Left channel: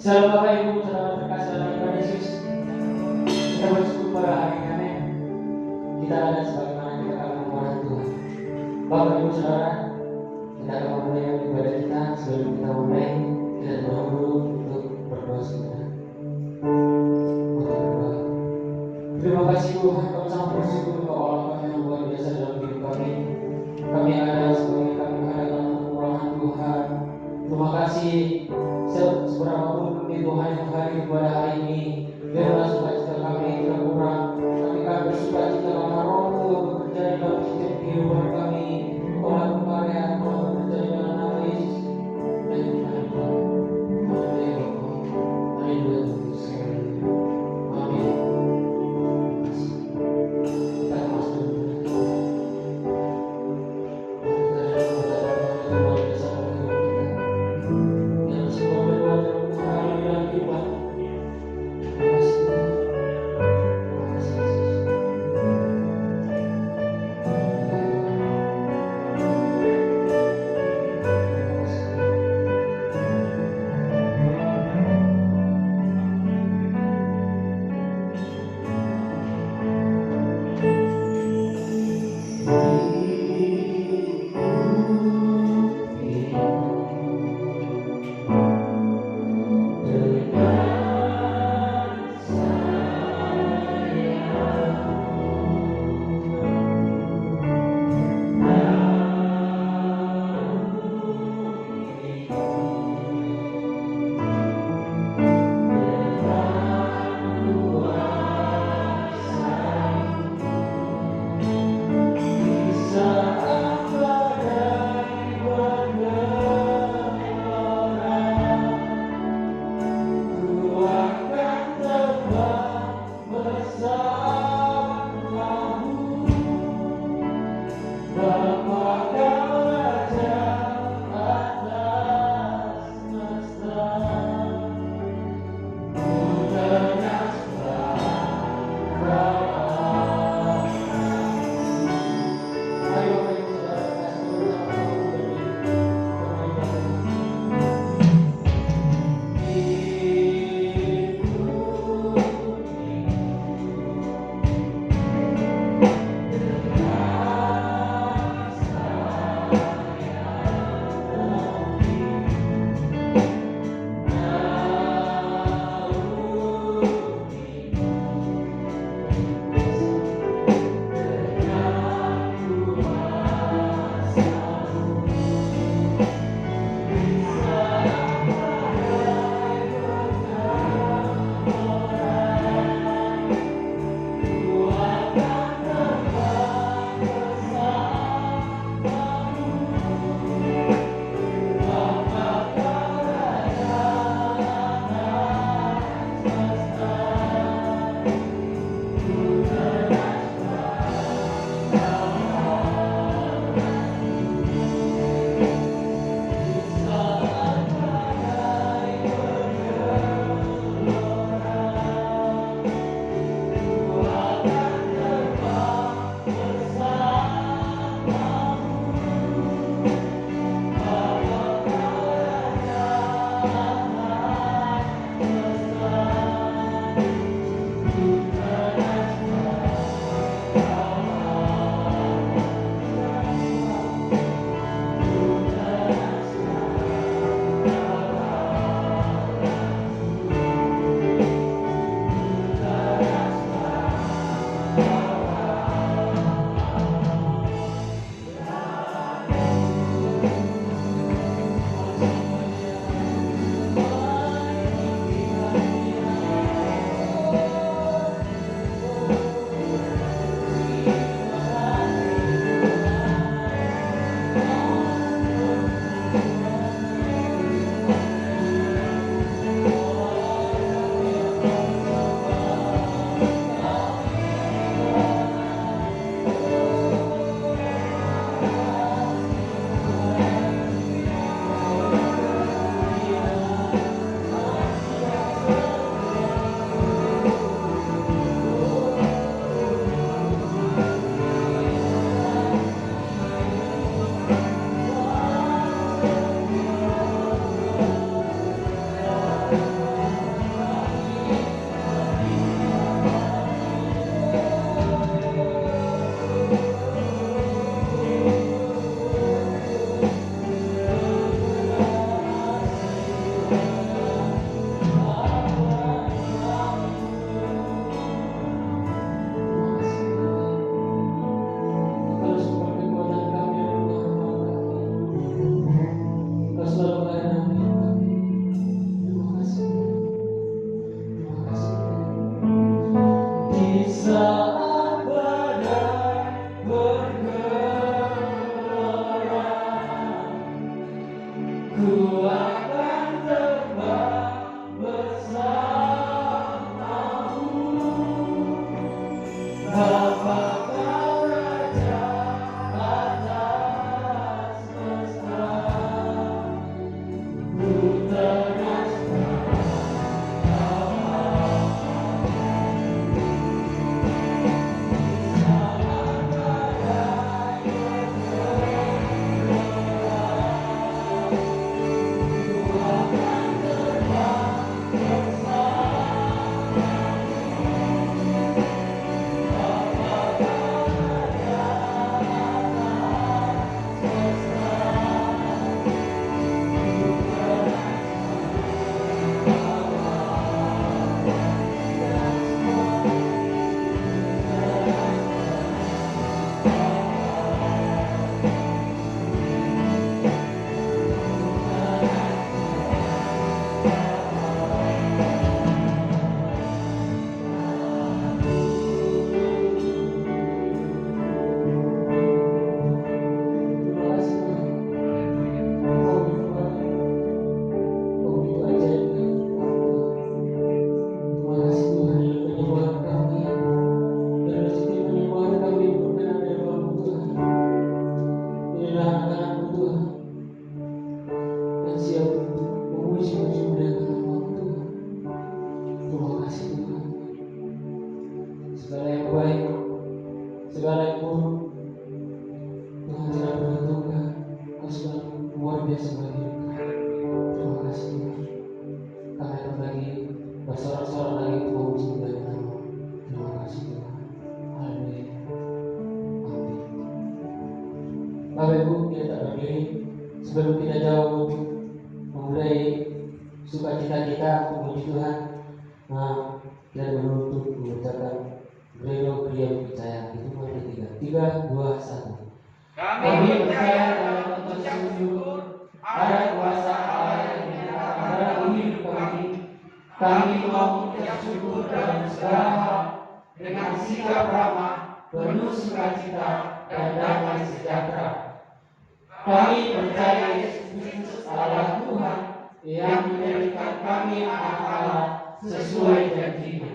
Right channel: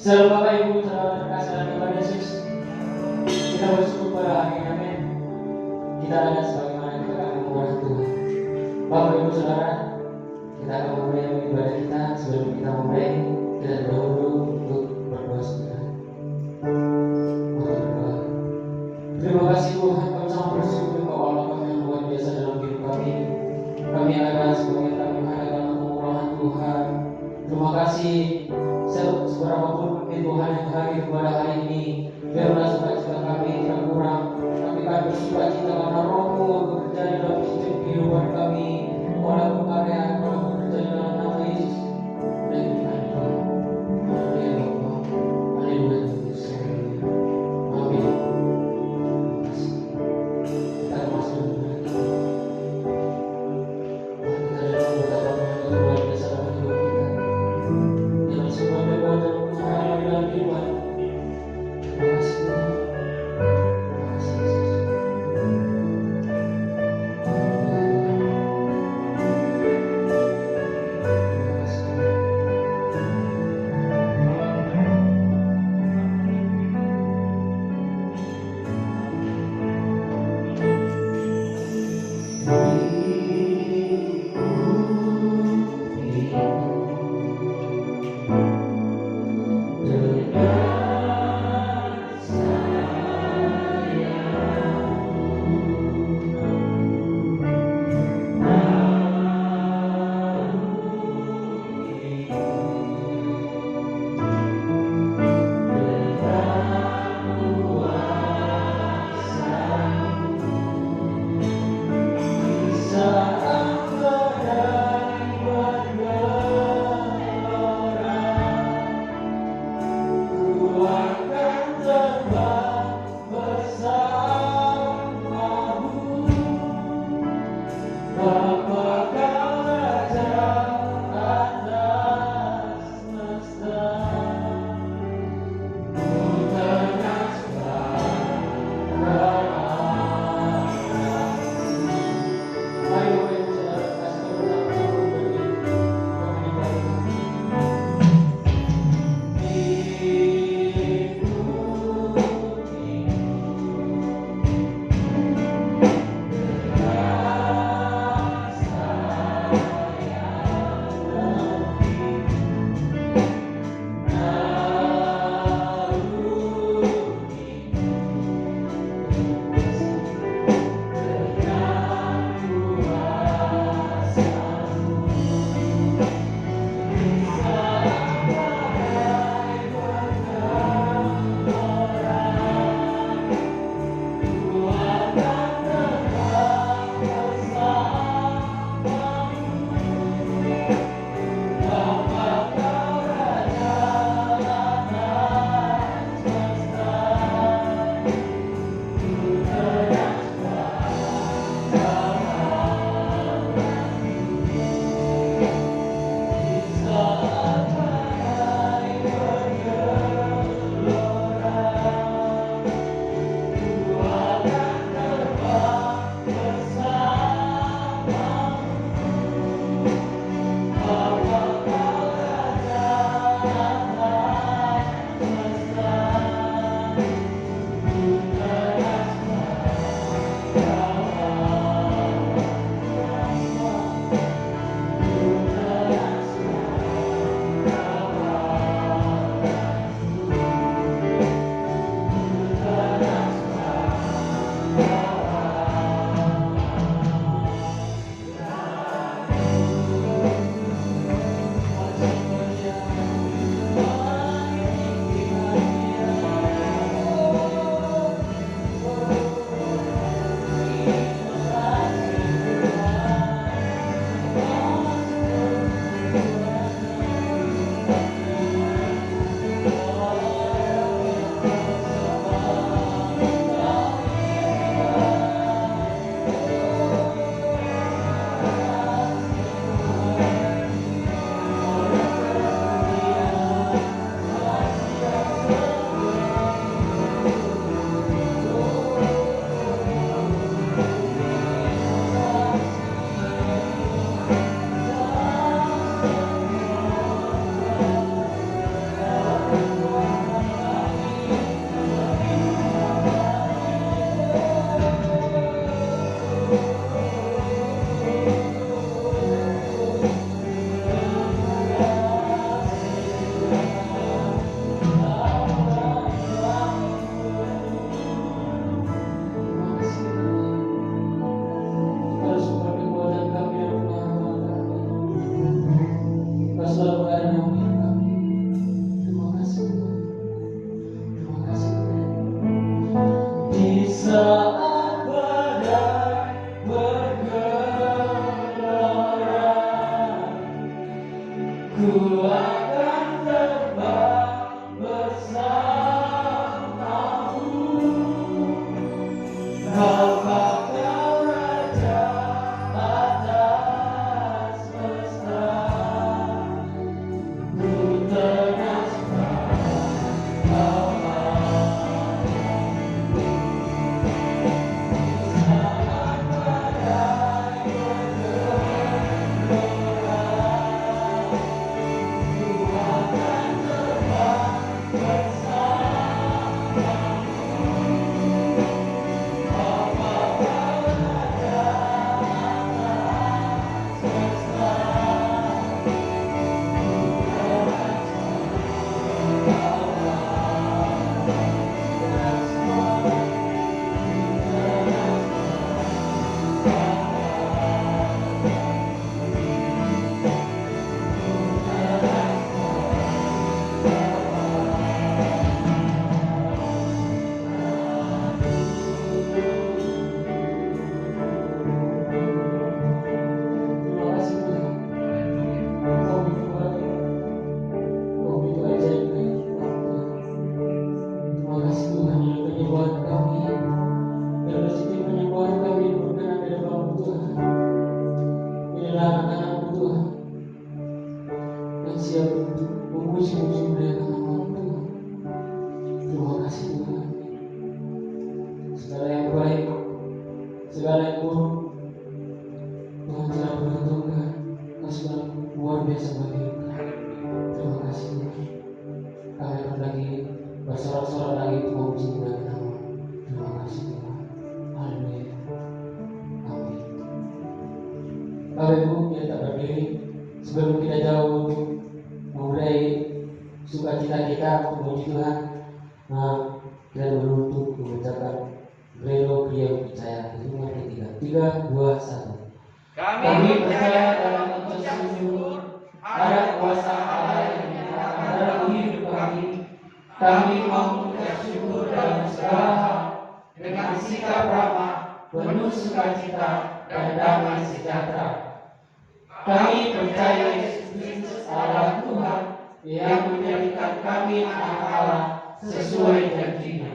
Selalu Bapak Ibu saudara terkasih dalam Tuhan Yesus, kita bersyukur pada hari ini, amin. Kita ada sebagaimana kita akan mengulang Tuhan. Bapak Ibu saudara, kita akan memulai ibadah kita. Sebelum kita mulai, kita dahulu untuk berdoa saudara. Mari berdoa. Terima kasih Tuhan, kami sangat bersyukur Engkau Allah kami yang luar biasa dalam hidup kami. Kami ada sebagai kami hanya pengulangan Tuhan. Terima kasih seberapapun Tuhan yang hadir pada hari ini, biarlah sukacita kami tidak kurang. Kami akan bersukacita karena Roh-Mu bekerja di dalam setiap kehidupan kami. Oleh karya Tuhan bekerja di dalam nama Yesus dan kita hidup. Haleluya Bapa, haleluya Tuhan Yesus. Amin. Kita segala yang buruk Tuhan tidak berhitungkan. Kau sudah luar biasa bagi hidup kami. Terima kasih Tuhan. Kami akan lagi bersorak-sorak lagi untuk memuji nama. Terima kasih Tuhan. Haleluya. Amin. Bapak Ibu kita tak berdiri sebelum kita jauh untuk memulai sukacita kita memuji Tuhan. Kita beruntung mengucapkan Brelo Pria Percaya. Itu nomor 3. 3, 2, 1. Kami percaya dalam mengucap syukur ada kuasa Allah yang menyatakan dalam hidup kami. Kami mau mengucap syukur dalam segala hal dengan sikap ramah, penuh sukacita dan damai sejahtera. Kami percaya Yesus Kristus adalah Tuhan yang menjadikan kami anak Allah sesuai janjinya.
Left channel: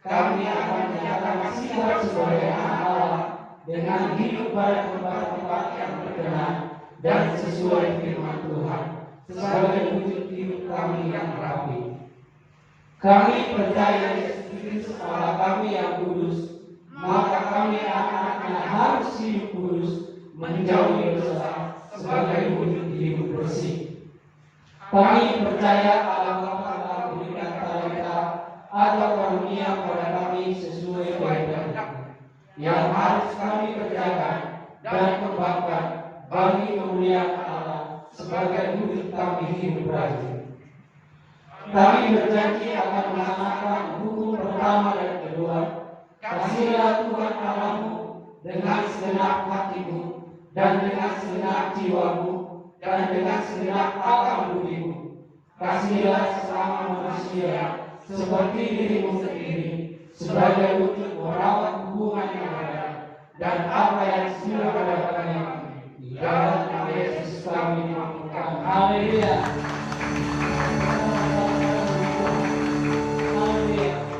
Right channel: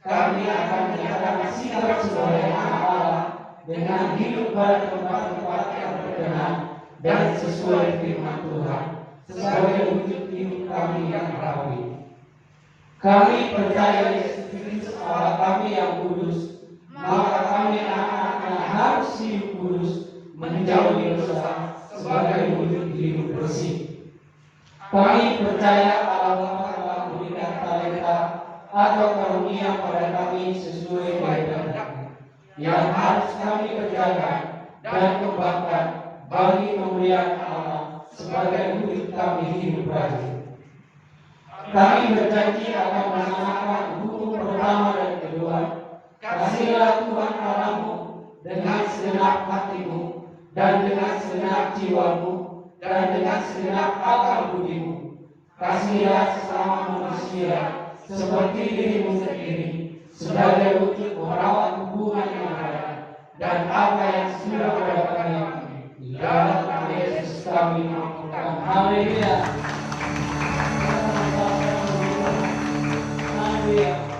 Kami akan menyatakan sikap sebagai anak Allah dengan hidup pada tempat-tempat yang berkenan dan sesuai firman Tuhan sebagai wujud hidup kami yang rapi. Kami percaya Yesus Kristus Allah kami yang kudus, maka kami anak-anaknya harus hidup kudus, menjauhi dosa sebagai wujud hidup bersih. Kami percaya Allah Bapa telah memberikan talenta atau karunia pada kami sesuai kehendak yang harus kami kerjakan dan kembangkan bagi kemuliaan Allah sebagai wujud kami hidup rajin. Kami berjanji akan melaksanakan hukum pertama dan kedua. Kasihilah Tuhan Allahmu dengan segenap hatimu dan dengan segenap jiwamu dan dengan segenap akal budimu. Kasihilah sesama manusia seperti dirimu sendiri sebagai wujud merawat hubungan yang ada dan apa yang sudah dilakukan di dalam nama Yesus kami mampukan. Haleluya. Haleluya.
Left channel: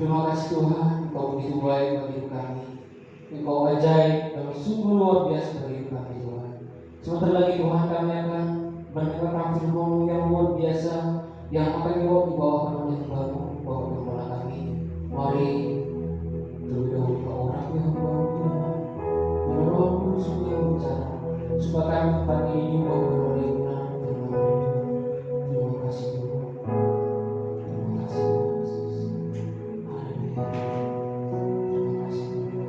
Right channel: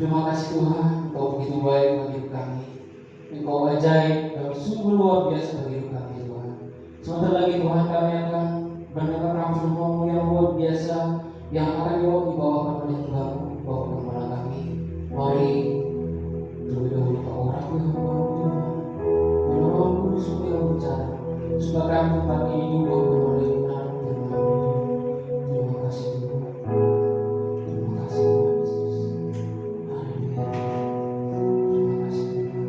Terima kasih Tuhan, Engkau begitu baik bagi kami. Engkau ajaib dan sungguh luar biasa bagi hidup kami Tuhan. Sebentar lagi Tuhan kami akan mendengarkan firman-Mu yang luar biasa yang akan dibawakan oleh Tuhan-Mu, Bapak Gembala kami. Mari terlebih dahulu Kau rapi hamba-Mu Tuhan. Bila Roh Kudus yang bicara, supaya kami tempat ini diubah oleh benar firman-Mu. Terima kasih Tuhan. Terima kasih Tuhan Yesus. Haleluya. Terima kasih Tuhan.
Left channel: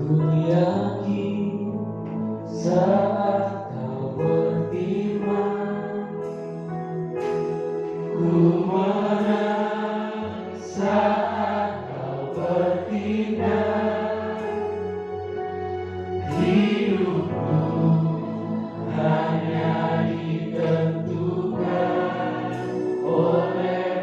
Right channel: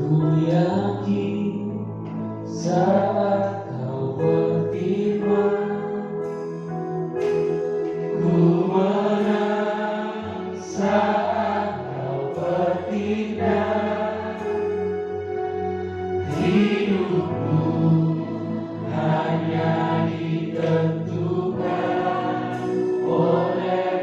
Ku yakin saat Kau berfirman, ku menang saat Kau bertindak. Hidupku hanya ditentukan oleh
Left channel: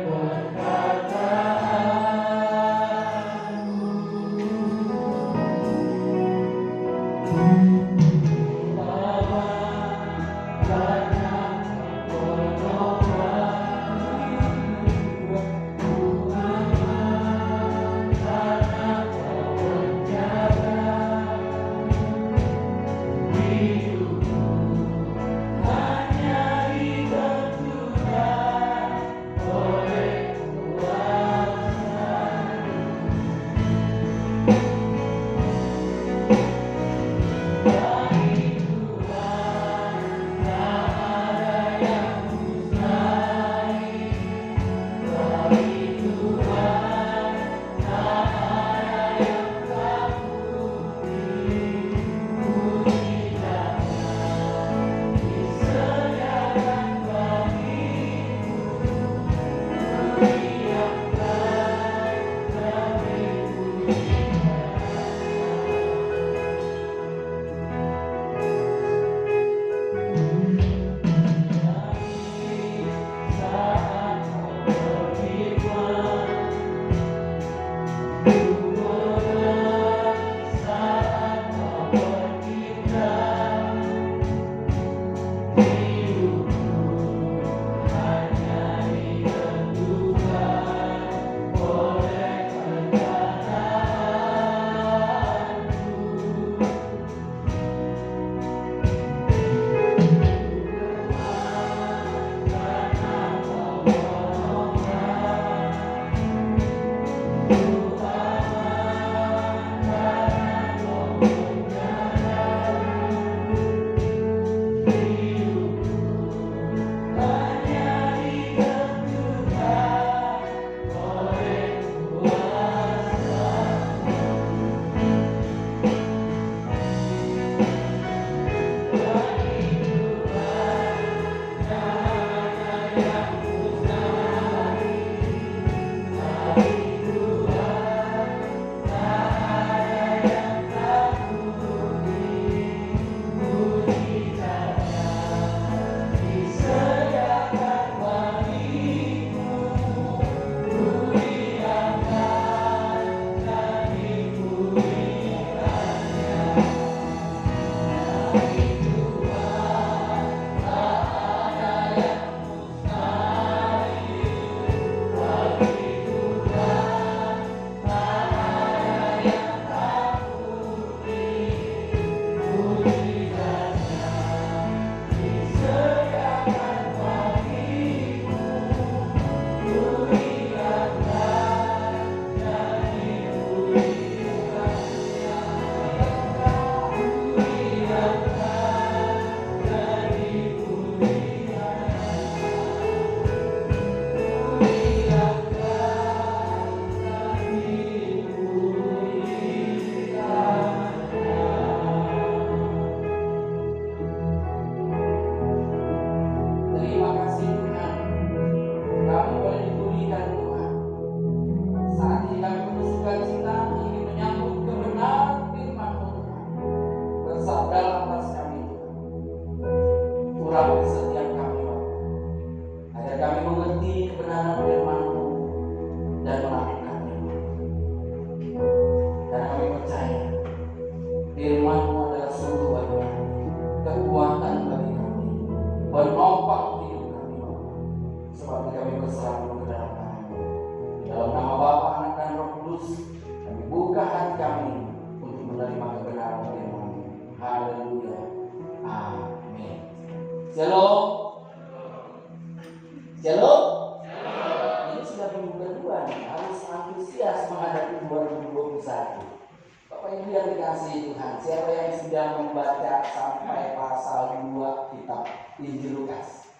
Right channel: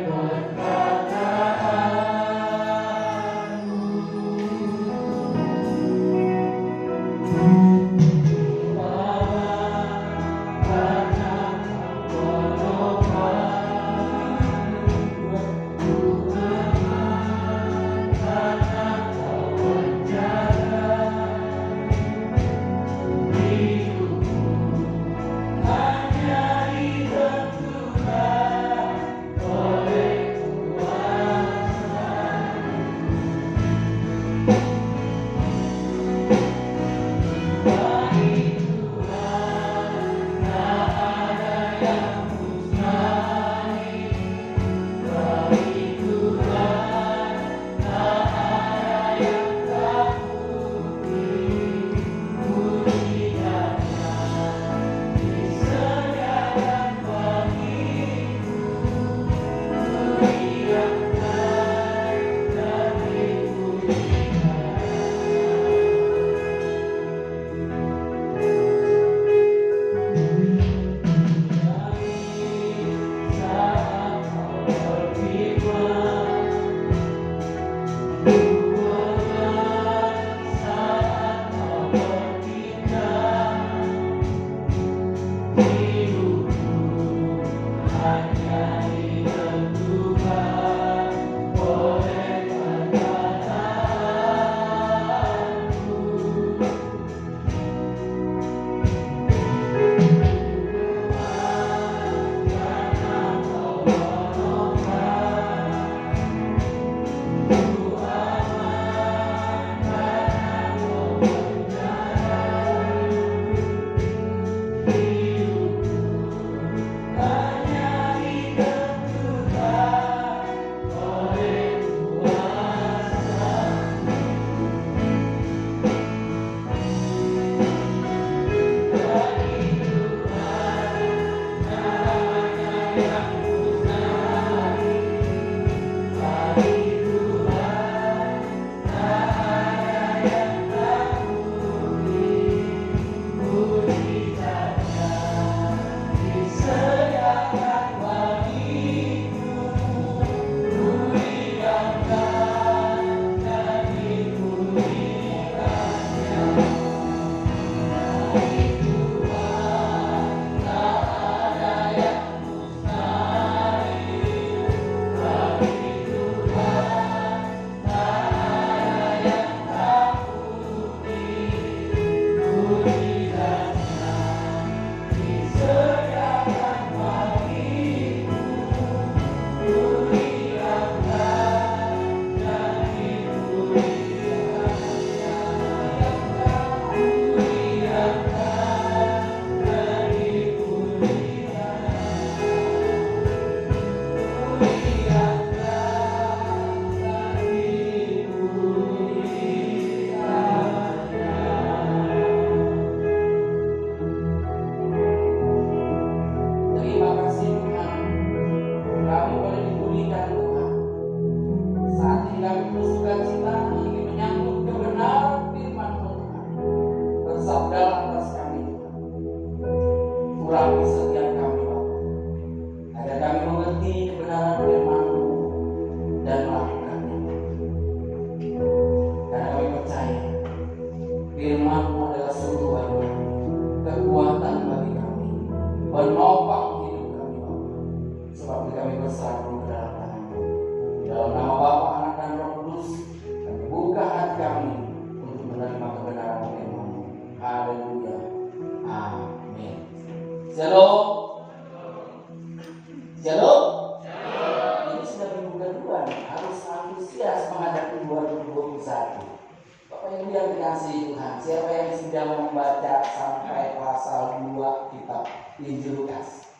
dikasihi Tuhan, siapa yang sudah membaca sampai pasal 2 kitab Injil Lukas?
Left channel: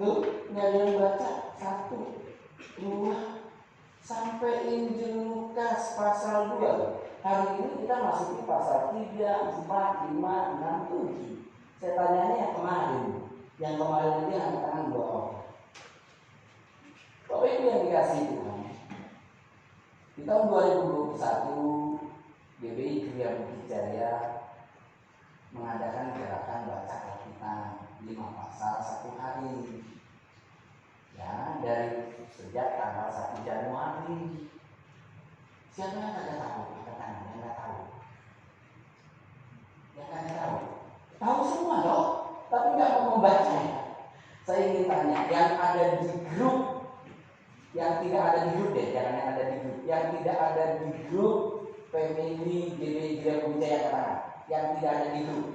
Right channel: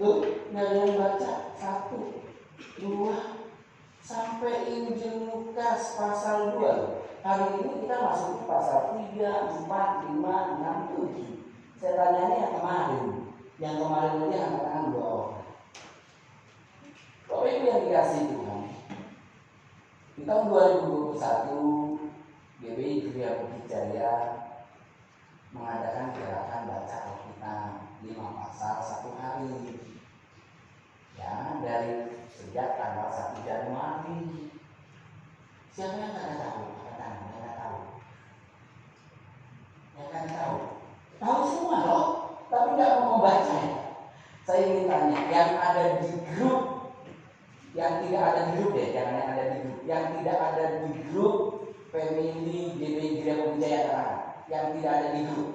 Lu nggak ada yang baca 1, 2 sampai Injil Lukas pasal 2. Hari ini kita masuk ke pasal 3, 4, 5, 6, 7. Saya tanyanya yang kemarin. Yang kemarin aja angkat tangan 2 orang. Bapak Ibu yang dikasihi Tuhan, di tahun 2021 GBI Gria Bukit Jaya mengadakan gerakan baca Alkitab 5 pasal 1 hari. Ya, dari sejak tanggal 1 Januari. Siapa yang kagak tahu? Katakan, yang nggak tahu. Yang kagak tahu. Tahu semua loh, tapi nggak mau membaca ya. Saya ingin tanya, yang ada di grup, yang tidak ada di grup deh, jangan yang ada di grup, yang tidak ada di grup family GBI Gria Bukit Jaya, yang tidak ada di grup.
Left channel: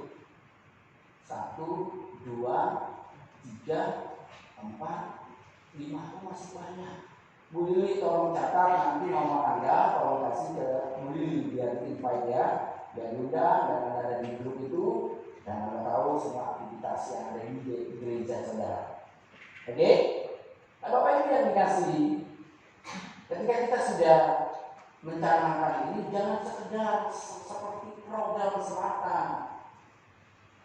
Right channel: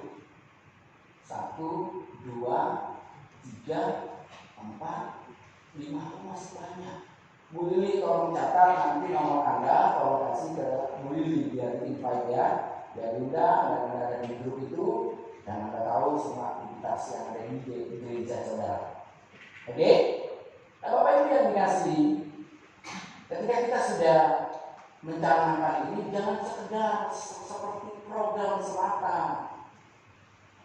1, 2, 3, 4, 5 itu masih banyak. Bu Lili tolong catat nanti nomor Anda, tolong kasih ke Bu Lili biar invite ya, biar udah dan Anda ada di grup itu dan Anda tahu semua aktivitas yang ada di gereja saudara. Oke? Nah, Bapak Ibu yang dikasih, ketika kita sudah mencanangkan ini, jangan sekedar seperti program semata.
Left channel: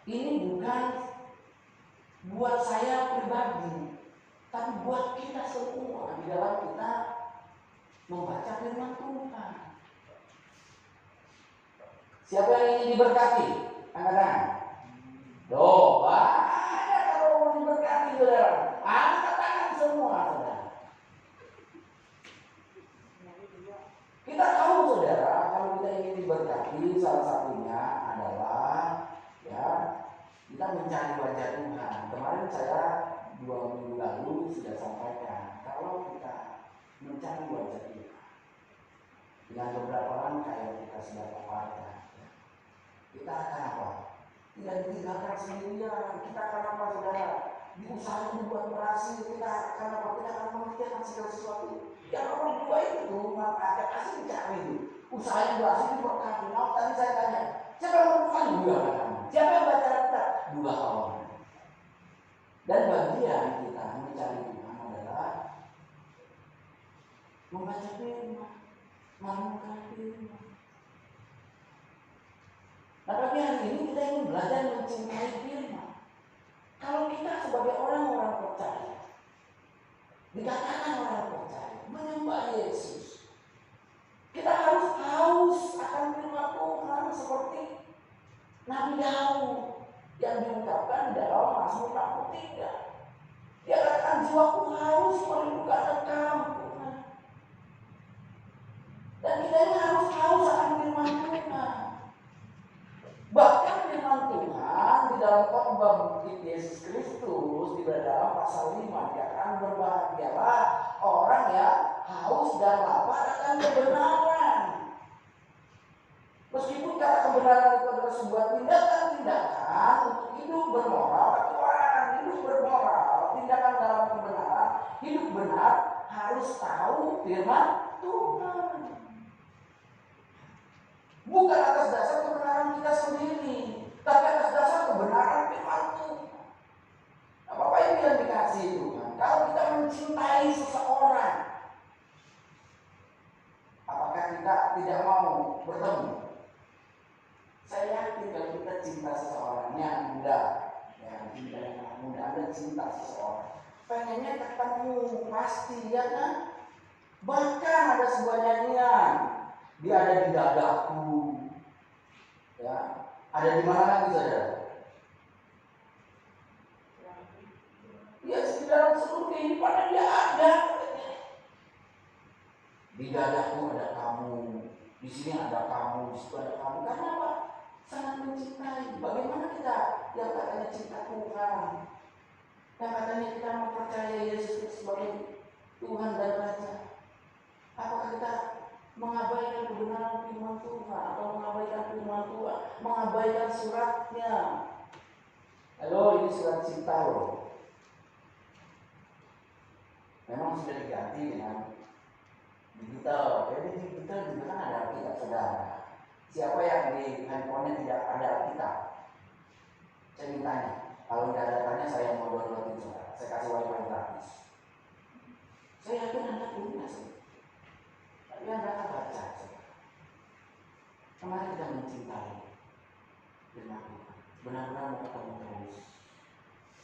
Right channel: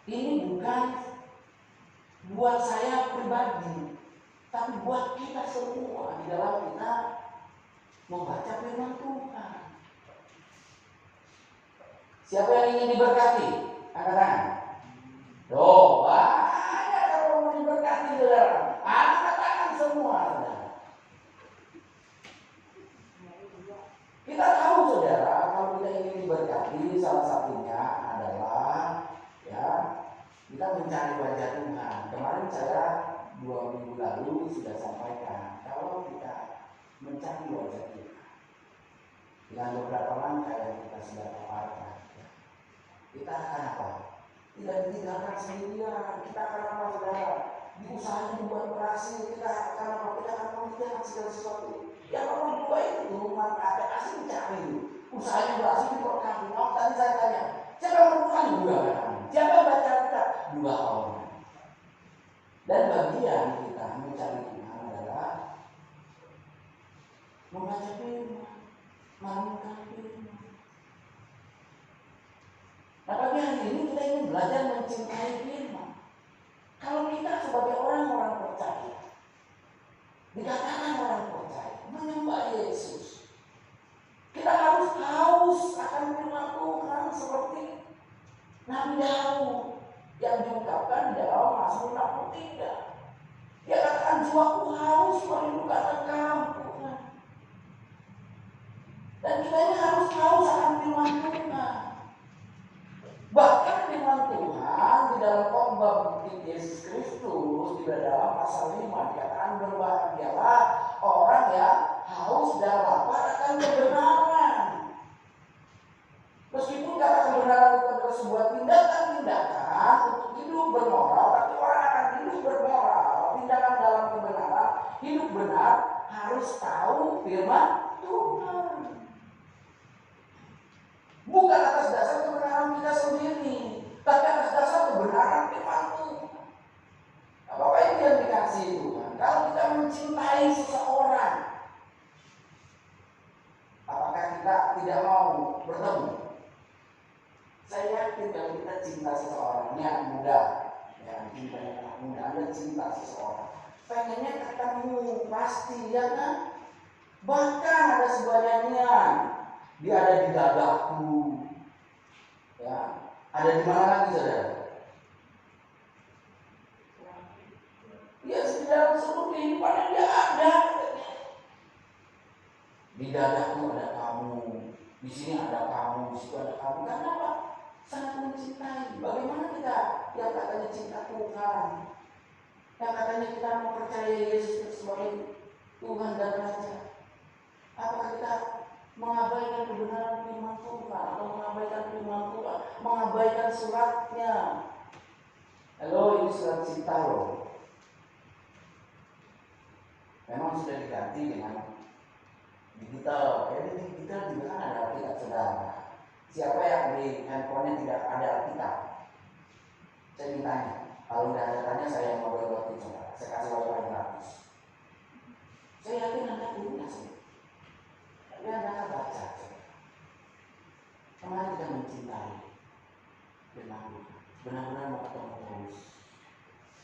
Ini bukan buat saya pribadi, tapi buat kita semua di dalam kita membaca firman Tuhan. Siapa yang ingin diberkati? Angkat tangan. Doa banyak kalau mau diberkati saudara. Angkat tangan semua saudara. Kita tahu saudara, kalau kita ingin diberkati, salah satunya adalah ya kita mencari wajah Tuhan. Kemarin saya 2 minggu lalu sudah sampaikan, kalau kita mencari wajah Tuhan dengan beberapa langkah yang kita sudah paparkan, kita akan apa? Tidak ditinggalkan sendirian. Kita akan apa saudara? Di usahanya dibuat berhasil. Kita akan apa? Kita akan mengerjakan segala sesuatu. Yang orang tua itu maka ada kasih mencari. Usahanya berhasil dibuat kampung. Mau tadi saya tanya, siapa yang melakukan? 2 orang. Siapa yang baca kita? 2 orang. Dan bagian kita mencari Tuhan adalah membaca firman, merenungkan firman. Nah, pagi hari ini kita ingin belajar mencintai firman. Kalau kita sebagai orang-orang percaya, dikatakan orang percaya, menyembah Yesus, kita harus haus akan firman Tuhan seperti Nabi Daud yang diungkapkan dalam Mazmur 63. Dia katakan, jiwaku haus merindukan Engkau Tuhan. Dan kita ini harus haus akan firman Tuhan. Bahkan firman Tuhan di dalam khotbah bukti Yesus Kristus di dalam pasal 5 dikatakan, berbahagialah orang yang haus dan lapar akan kebenaran. Meskipun kata kebenaran itu adalah sebuah tindakan-tindakan untuk hidup bermoral, tapi orang akan hidup bermoral, tindakan dalam kebenaran, hidup benar, harus tahu firman Tuhan. Bukan atas dasar kebenaran kita sendiri, tapi atas dasar kebenaran firman Tuhan. Nah, Bapak Ibu yang dikasihi Tuhan, kalau kita mencintai seseorang, apakah kita tidak mau bertemu? Saya yakin kalau kita cinta seseorang yang muda, yang cinta yang muda, Anda cinta seseorang, pengennya ketemu pasti, ya kan? Bahkan ada sebuah nyanyian, dia ada di dadaku, ya, ada di mana lagi saudara? Ya, di dalam seluruh kehidupan dia ada. Di dadaku ada kamu, di sini ada kamu, di situ ada kamu. Karena apa? Sangat mencintai. Bagaimana kita yang katanya cinta Tuhan, yang katanya kita mempercayai Yesus sebagai Tuhan dan Raja, apakah kita mengabaikan kebenaran firman Tuhan atau mengabaikan firman Tuhan, mengabaikan suratnya? Halo, ini surat cinta loh. Memang sudah diganti dengan digital. Jadi digital juga kan ada Alkitab saudara. Siapa yang di handphonenya tidak ada Alkitab? Saya mintanya. Kalau tidak ada tanya saya mau downloadin saudara. Saya kasih wifi gratis. Saya yakin Anda punya sih. Tapi Anda akan baca saudara. Kemarin kita mencintai firman Tuhan. Benar-benar mau ketemu terus.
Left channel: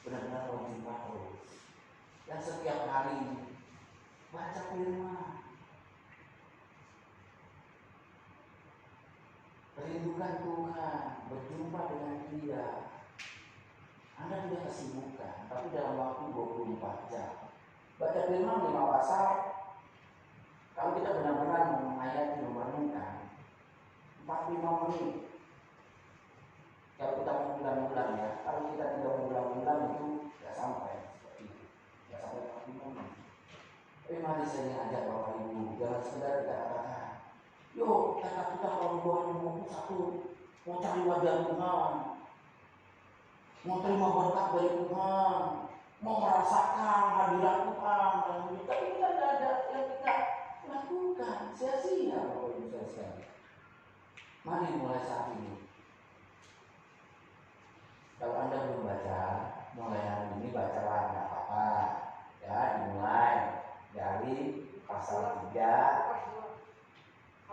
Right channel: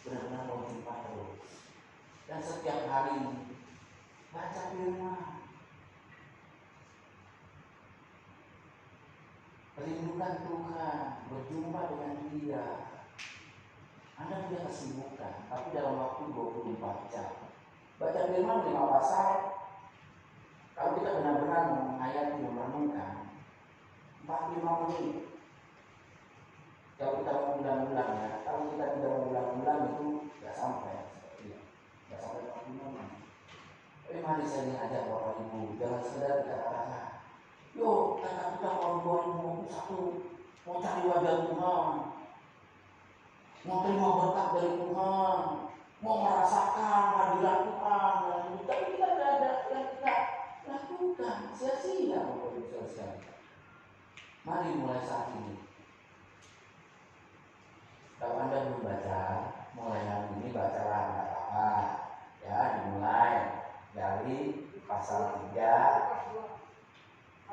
Benar-benar mau jumpa terus. Dan setiap hari baca firman. Rindukan Tuhan, berjumpa dengan Dia. Anda tidak kesibukan, tapi dalam waktu 24 jam. Baca firman 5 pasal. Kalau kita benar-benar menghayati, merenungkan 45 menit. Kalau kita mau bulan-bulan ya, kalau kita tidak mau bulan-bulan itu tidak sampai seperti itu. Tidak sampai 45 menit. Tapi mari saya ajak Bapak Ibu, jangan sekedar kita katakan, yuk kita tahun 2021 mau cari wajah Tuhan, mau terima berkat dari Tuhan, mau merasakan hadirat Tuhan, tapi kita tidak ada yang kita lakukan, sia-sia Bapak Ibu sekalian. Mari mulai saat ini. Kalau Anda belum baca, mulai hari ini bacalah, tidak apa-apa. Ya, dimulai dari pasal 3,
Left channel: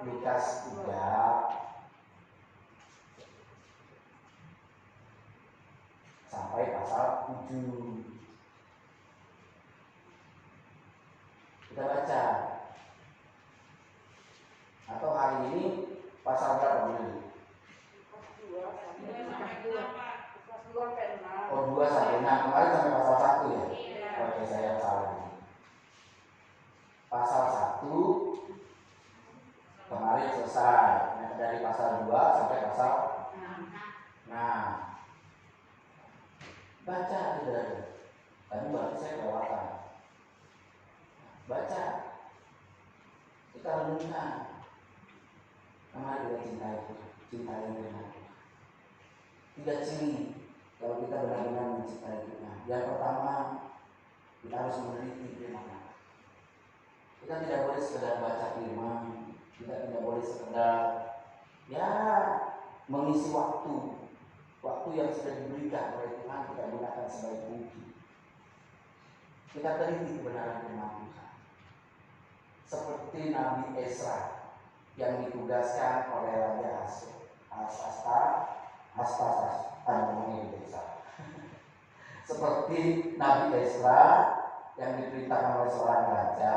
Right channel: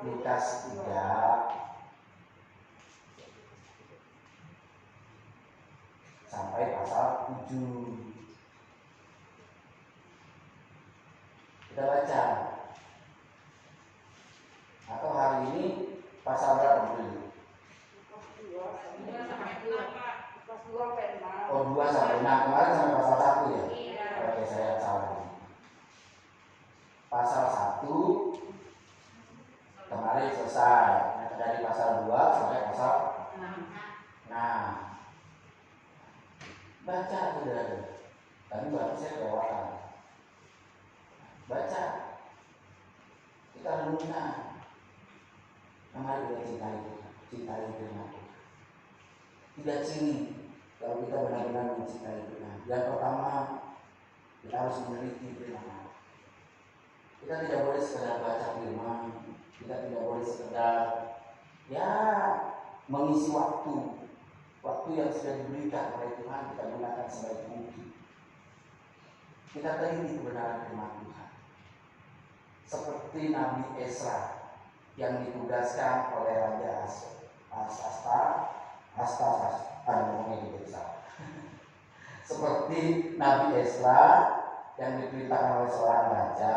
Lukas 3 sampai pasal 7. Kita baca. Atau hari ini pasal berapa dulu? Oh, 2 sampai 6. Kemarin sampai pasal 1 ya? Iya. Oke, saya salah ini. Pasal 1 kemarin selesai. Dari pasal 2 sampai pasal 6. Baca saudara. Tadi berarti saya kelewatan. Baca. Kita renungkan. Mari kita cintai Tuhan. 3 ciri kalau kita benar-benar mencintai Tuhan. Yang pertama, kita harus meneliti firman. Kita tidak boleh sekedar baca firman. Kita tidak boleh sekedar mengisi waktu yang sudah diberikan oleh Tuhan kita gunakan sebaik mungkin. Kita teliti kebenaran firman Tuhan. Seperti Nabi Ezra yang ditugaskan oleh Raja Seperti Nabi Ezra yang diperintahkan oleh seorang raja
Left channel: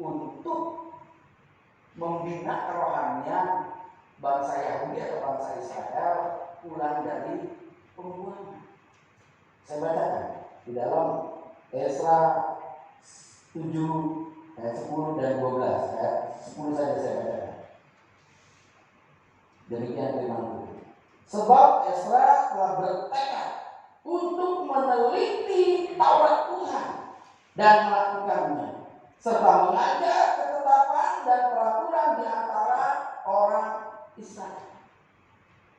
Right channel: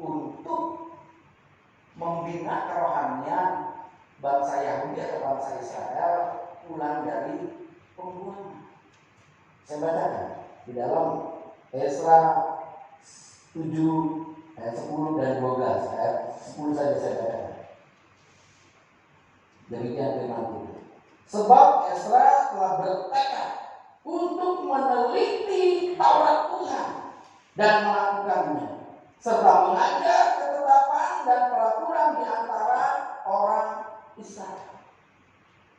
untuk membina kerohanian bangsa Yahudi atau bangsa Israel pulang dari pembuangan. Saya bacakan di dalam Ezra 7 ayat 10 dan 12. Ayat 10 saja saya bacakan. Demikian firman Tuhan. Sebab Ezra telah bertekad untuk meneliti Taurat Tuhan dan melakukannya, serta mengajar ketetapan dan peraturan di antara orang Israel.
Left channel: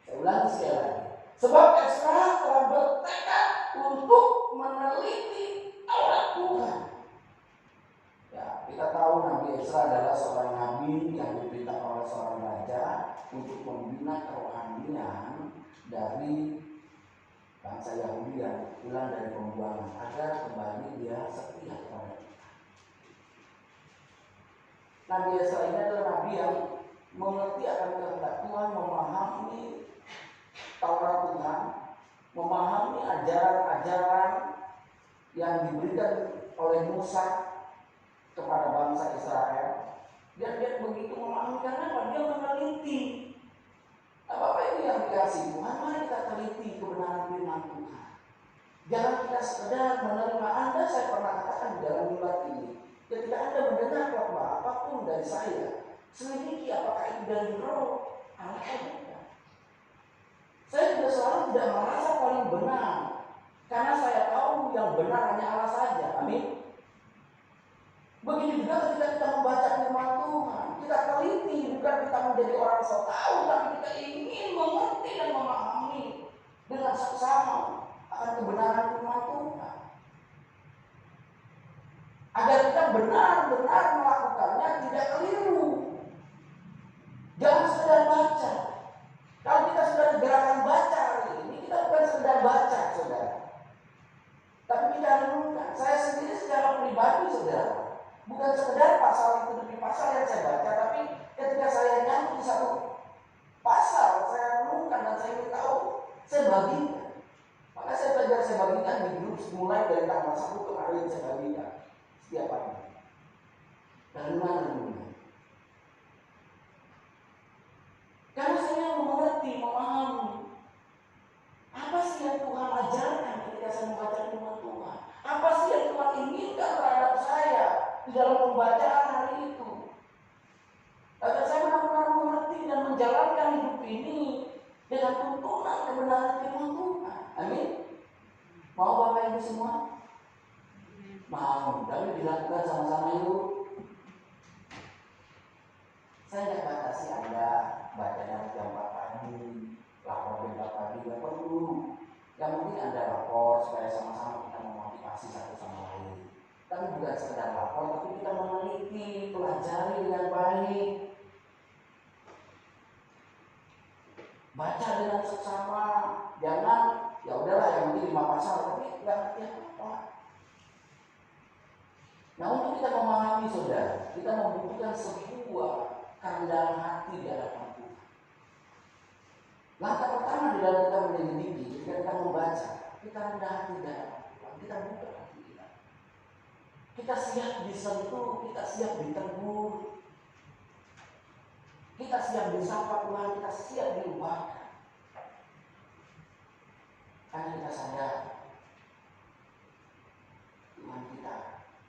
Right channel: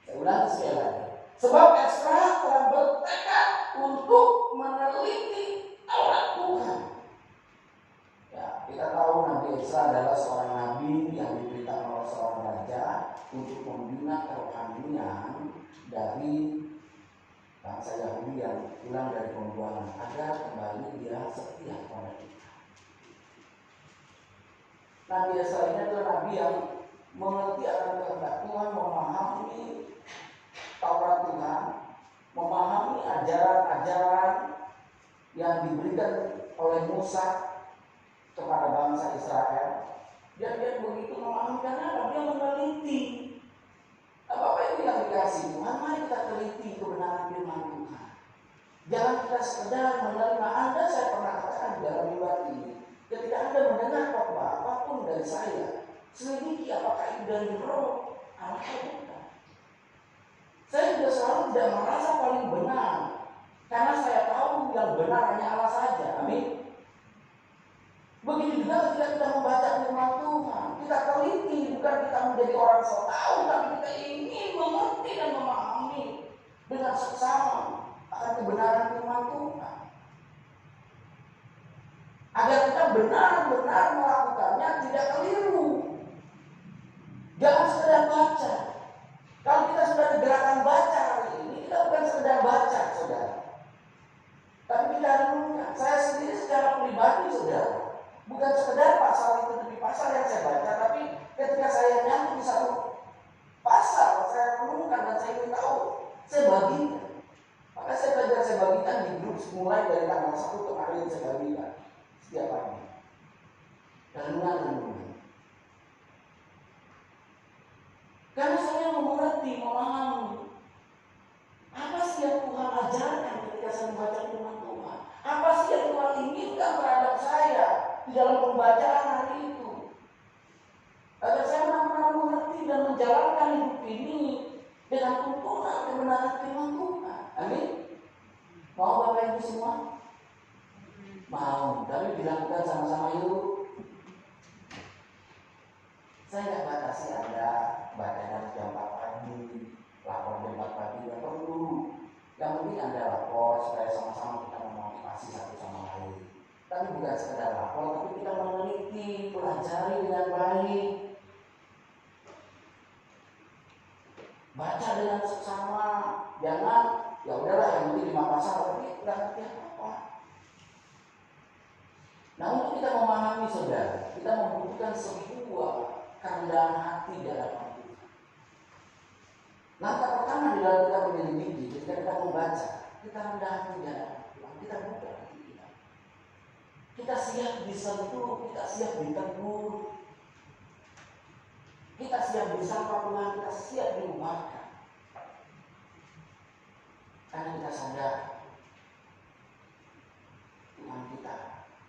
Saya ulangi sekali lagi. Sebab Ezra telah bertekad untuk meneliti Taurat Tuhan. Ya, kita tahu Nabi Ezra adalah seorang nabi yang diperintahkan oleh seorang raja untuk membina kerohanian dari bangsa Yahudi yang pulang dari pembuangan agar kembali dia setia kepada Tuhan. Nabi Ezra ini adalah nabi yang mengerti akan kehendak Tuhan, memahami Taurat Tuhan, memahami ajaran-ajaran yang diberikan oleh Musa kepada bangsa Israel. Dan dia begitu memahami karena dia meneliti. Apa itu yang dikasih Tuhan? Mari kita teliti kebenaran firman Tuhan. Jangan kita sekedar menerima. Anda, saya pernah katakan di dalam mimbar ini, ketika Anda mendengar khotbah apapun dari saya, selidiki apakah itu dari roh Allah atau bukan. Saya juga selalu tidak merasa paling benar, karena saya tahu yang benar hanya Allah saja. Amin. Begitu juga ketika kita membaca firman Tuhan, kita teliti, bukan kita menjadi orang sok tahu, tapi kita ingin mengerti dan memahami dengan seksama akan kebenaran firman Tuhan. agar kita benar-benar melakukannya, tidak keliru. Jangan sekedar baca. Kalau kita sudah gerakan baca hari ini, kita bukan sekedar baca, saudara. Tapi kita renungkan. Saya sendiri secara pribadi, saudara, bukan sekedar pasal itu demi pasal yang saya baca, tapi ketika saya nyambung di satu pasal, saya renungkan dan saya ingin tahu, saya bagikan. Maka saya belajar, saya bagikan di grup mulai dari tanggal 1 kemarin saya bagikan setiap pagi. Renungan. Karena saya mau mengerti, memahami apa sih yang Tuhan ajarkan ketika saya membaca firman Tuhan. Apa sih yang Tuhan inginkan terhadap saya di dalam pembacaan hari itu. Agar saya benar-benar mengerti dan menjalankan hidup ini dengan tuntunan kebenaran firman Tuhan. Amin. Mau Bapak Ibu semua? Mau, tapi dilakukan sama-sama yuk. Saya tidak batasi Anda baca jam 4 pagi, lapor jam 4 pagi, tidak perlu. Yang penting Anda lapor supaya sama-sama kita memotivasi satu sama lain. Tapi bukan sekedar lapor, tapi kita meneliti, pelajari dengan baik. Baca dengan seksama, jangan ya udahlah yang penting 5 pasal tapi nggak ngerti apa-apa. Nah, untuk kita memahami saudara, kita membutuhkan sebuah kerendahan hati di hadapan Tuhan. Langkah pertama di dalam kita menyelidiki, ketika kita membaca, kita rendah hati di hadapan Tuhan, kita buka hati kita. Kita siap disentuh, kita siap ditegur, kita siap disapa Tuhan, kita siap diubahkan. Karena kita sadar Tuhan kita,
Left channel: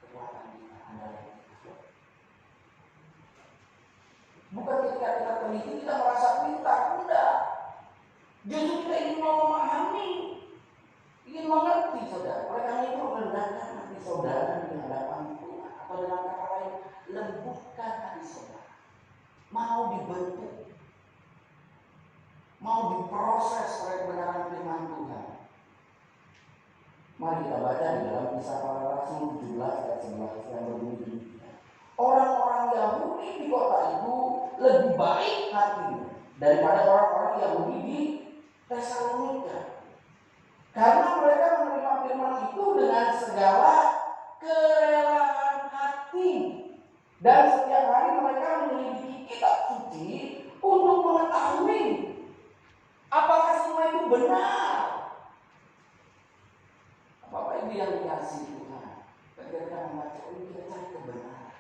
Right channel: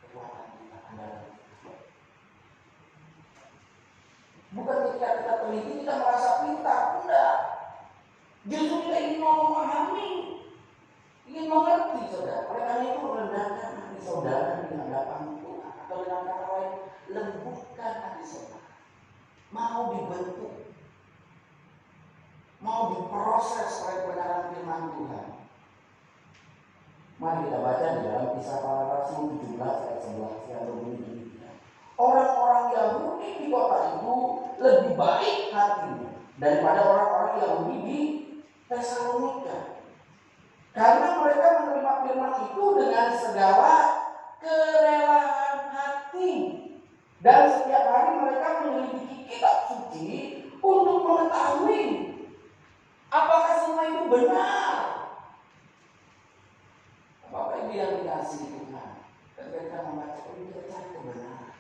kekuatan kita, andalan kita. Bukan ketika kita teliti kita merasa pintar, enggak. Justru kita ingin memahami, ingin mengerti, saudara. Oleh karena itu rendahkan hati saudara di hadapan Tuhan, atau dengan kata lain, lembutkan hati saudara. Mau dibentuk, mau diproses oleh kebenaran firman Tuhan. Mari kita baca di dalam Kisah Para Rasul 17 ayat 11 yang berbunyi, orang-orang Yahudi di kota itu lebih baik hatinya daripada orang-orang Yahudi di Tesalonika, karena mereka menerima firman itu dengan segala kerelaan hati, dan setiap hari mereka menyelidiki kitab suci untuk mengetahui apakah semua itu benar. Bapak Ibu yang dikasihi Tuhan, ketika kita membaca ini kita cari kebenaran.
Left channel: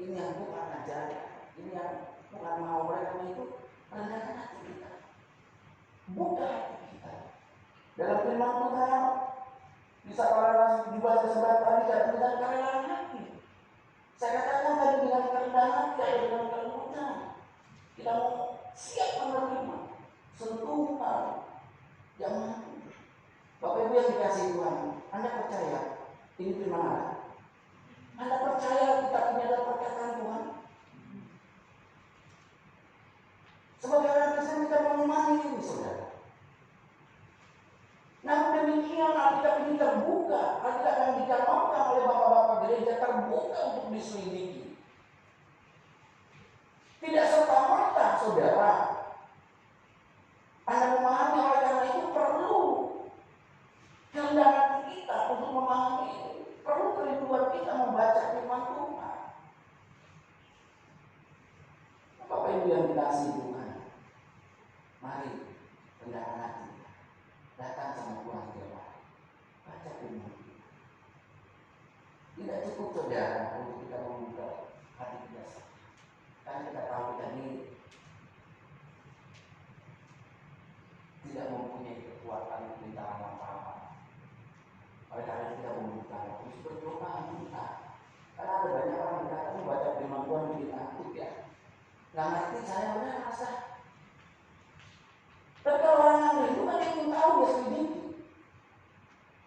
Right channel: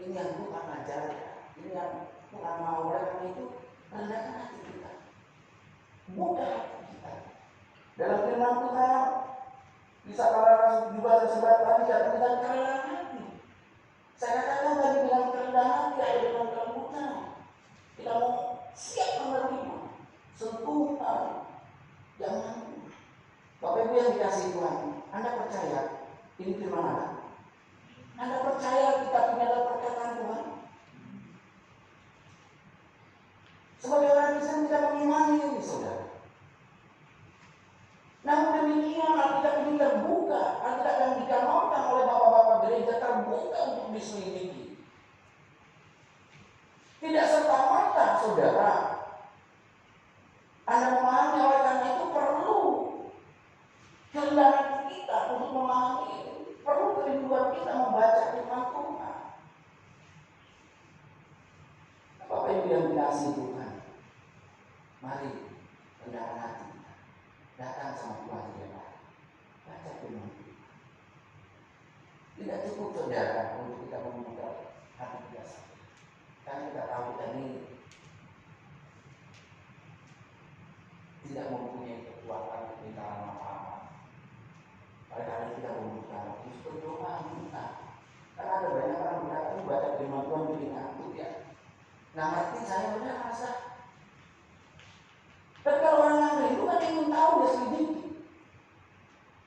Ini yang Tuhan ajarkan, ini yang Tuhan mau. Oleh karena itu rendahkan hati kita, buka hati kita. Dalam firman Tuhan, bisa para rasul juga sesudah tadi saya dengan kerendahan hati. Saya katakan tadi dengan kerendahan hati atau dengan kelembutan. Kita mau siap menerima sentuhan jangan. Bapak Ibu yang dikasihi Tuhan, Anda percaya ini firman Allah? Anda percaya kitab ini adalah perkataan Tuhan? Sebagai orang Kristen kita mengimani ini, saudara. Namun demikian Alkitab ini terbuka, Alkitab yang dikanonkan oleh bapak-bapak gereja terbuka untuk diselidiki. Tidak serta-merta, saudara, Anda memahami. Oleh karena itu perlu kerendahan kita untuk memahami ini. Perlu kerinduan kita membaca firman Tuhan. Bapak Ibu yang dikasihi Tuhan, mari rendahkan hati kita. Datang sama Tuhan saudara. Baca firman Tuhan. Tidak cukup saudara untuk kita membuka hati kita saja. Karena kita tahu kita ini tidak mempunyai kekuatan pemerintahan apa-apa. Oleh karena kita membuka, terus berdoa minta. Karena ada banyak orang berkata membaca firman Tuhan bikin ngantuk ya. Nggak ngerti saya benar rasa. Tapi kalau orang yang rindu kan ingin tahu dia selidiki.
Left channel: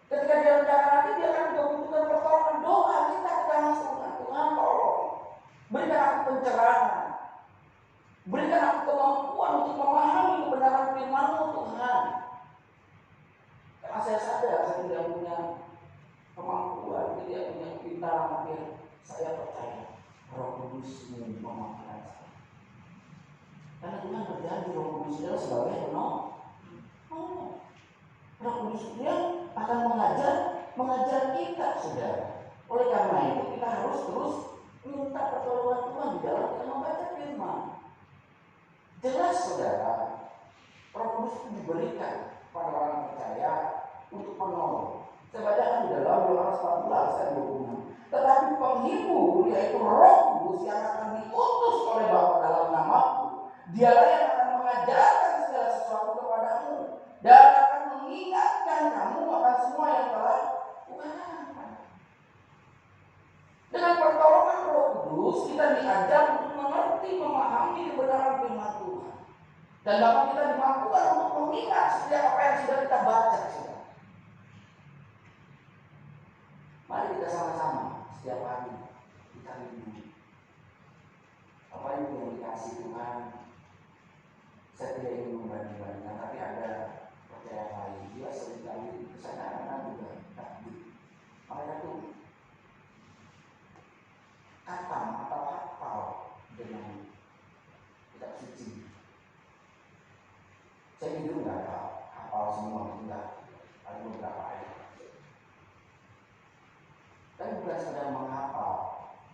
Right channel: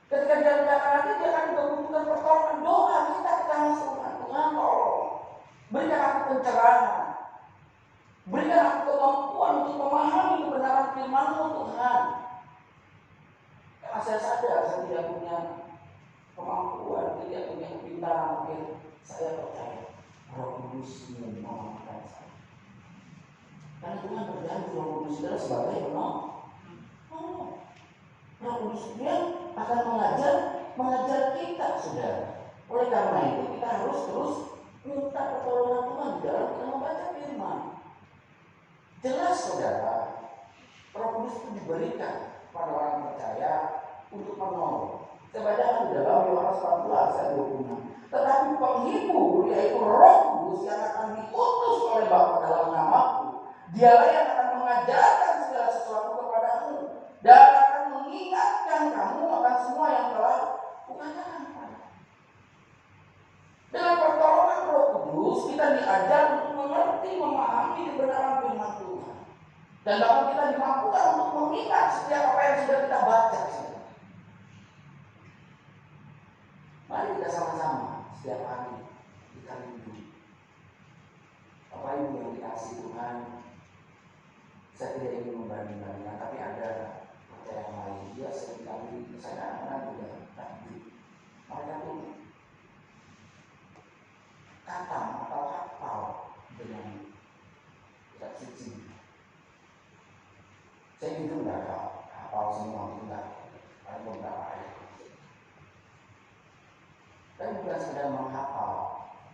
Ketika dia rendahkan hati, dia akan membutuhkan pertolongan. Doa kita ke tangan Tuhan. Tuhan tolong, berikan aku pencerahan, berikan aku kemampuan untuk memahami kebenaran firman-Mu Tuhan. Karena saya sadar saya tidak punya kemampuan, dia punya kepintaran. Saya percaya Roh Kudus memampukan saya. Karena Tuhan berjanji Roh Kudus adalah sebagai penolong. Roh Kudus dia akan mengajar kita, saudara. Oleh karena itu kita harus terus minta pertolongan Tuhan di dalam kita membaca firman. Jelas saudara, Roh Kudus itu diberikan pada orang percaya untuk menolong. Saya bacakan di dalam Yohanes 14 ayat 26. Tetapi penghibur, yaitu Roh Kudus yang akan diutus oleh Bapa dalam namaku, dialah yang akan mengajarkan segala sesuatu kepadamu dan akan mengingatkan kamu akan semua yang telah kukatakan kepadamu. Dengan pertolongan Roh Kudus kita diajar untuk mengerti, memahami kebenaran firman Tuhan. Dan bahkan kita dimampukan untuk mengingat setiap apa yang sudah kita baca. Mari kita sama-sama setiap hari kita rindu. Apa itu yang dikasih Tuhan? Saya tidak ingin membanding-bandingkan, tapi ada percayaan lain. Dia seringkali saya kadang-kadang juga takdir. Mereka tuh katam atau hafal dengan kitab suci. Saya itu enggak hafal semua, enggak. Ada beberapa ayat. Kan bukan sedang menghafal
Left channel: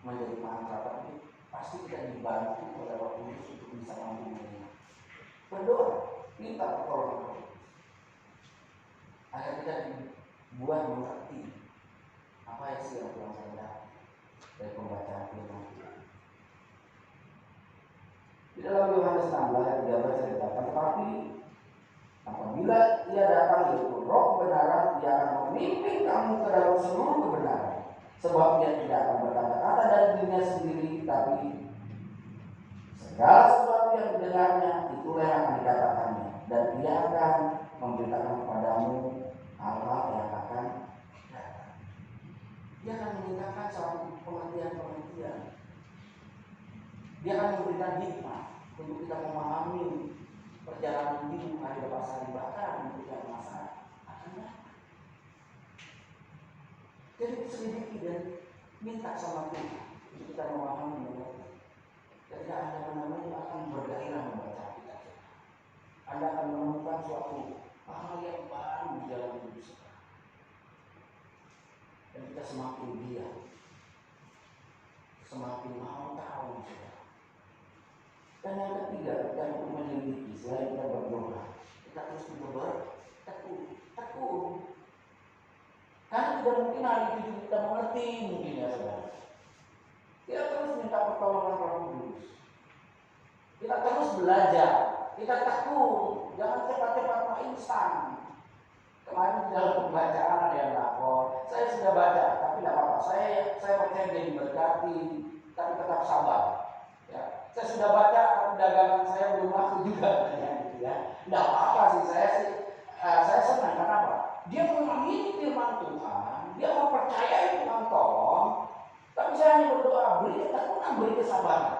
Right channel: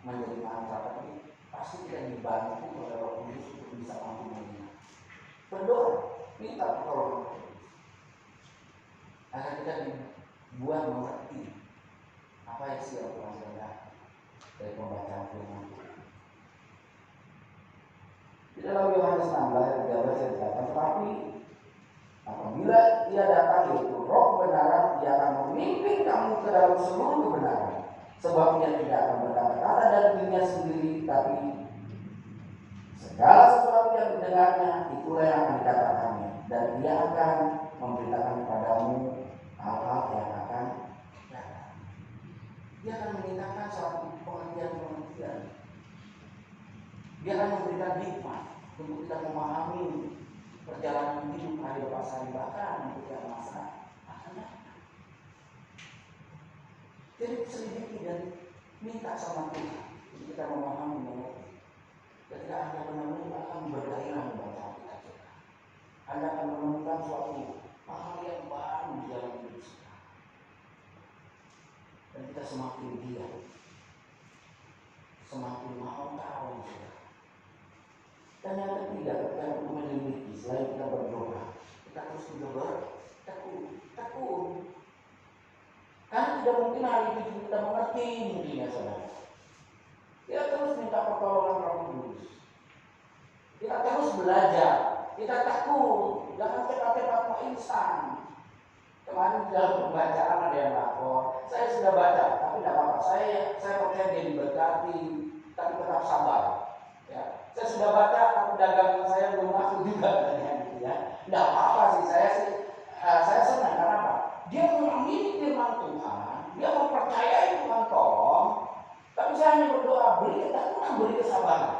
menjadi mantra, tapi pasti kita dibantu oleh Roh Kudus untuk bisa mampu mengingat. Berdoa, minta pertolongan Roh Kudus agar kita dibuat mengerti apa isi yang Tuhan kehendaki dari pembacaan firman Tuhan. Di dalam Yohanes 16 ayat 13 dikatakan, tetapi apabila Ia datang, yaitu Roh kebenaran, Ia akan memimpin kamu ke dalam seluruh kebenaran. Sebab Ia tidak akan berkata-kata dari dirinya sendiri, tapi segala sesuatu yang didengarnya itulah yang akan dikatakannya, dan Ia akan memberitakan kepadamu hal-hal yang akan datang. Dia akan memintakan suatu pengertian-pengertian. Dia akan memberikan hikmah untuk kita memahami perjalanan hidup hari lepas hari, bahkan untuk yang masa akan datang. Jadi selidiki dan minta sama Tuhan untuk kita memahami mengerti. Ketika Anda benar-benar akan bergairah membaca Alkitab, Anda akan menemukan suatu hal yang baru di dalam hidup kita. Dan kita semakin giat, semakin mau tahu saudara. Dan yang ketiga, kita untuk menyelidiki, selain kita berdoa, kita terus juga bertekun. Karena tidak mungkin hari itu kita mengerti mungkin ya saudara. Kita terus minta pertolongan Roh Kudus. Kita terus belajar, kita tekun, jangan cepat-cepat mau instan. Kemarin dalam pembacaan ada yang lapor, saya sudah baca, tapi tidak apa-apa. Saya percaya dia diberkati, tapi tetap sabar. Ya, saya sudah baca, tapi dagangan saya belum laku juga, ya. Tidak apa-apa sih, saya senang karena apa? Dia mengamini firman Tuhan, dia mempercayai Tuhan tolong, tapi saya hanya berdoa, beri ketekunan, beri kesabaran.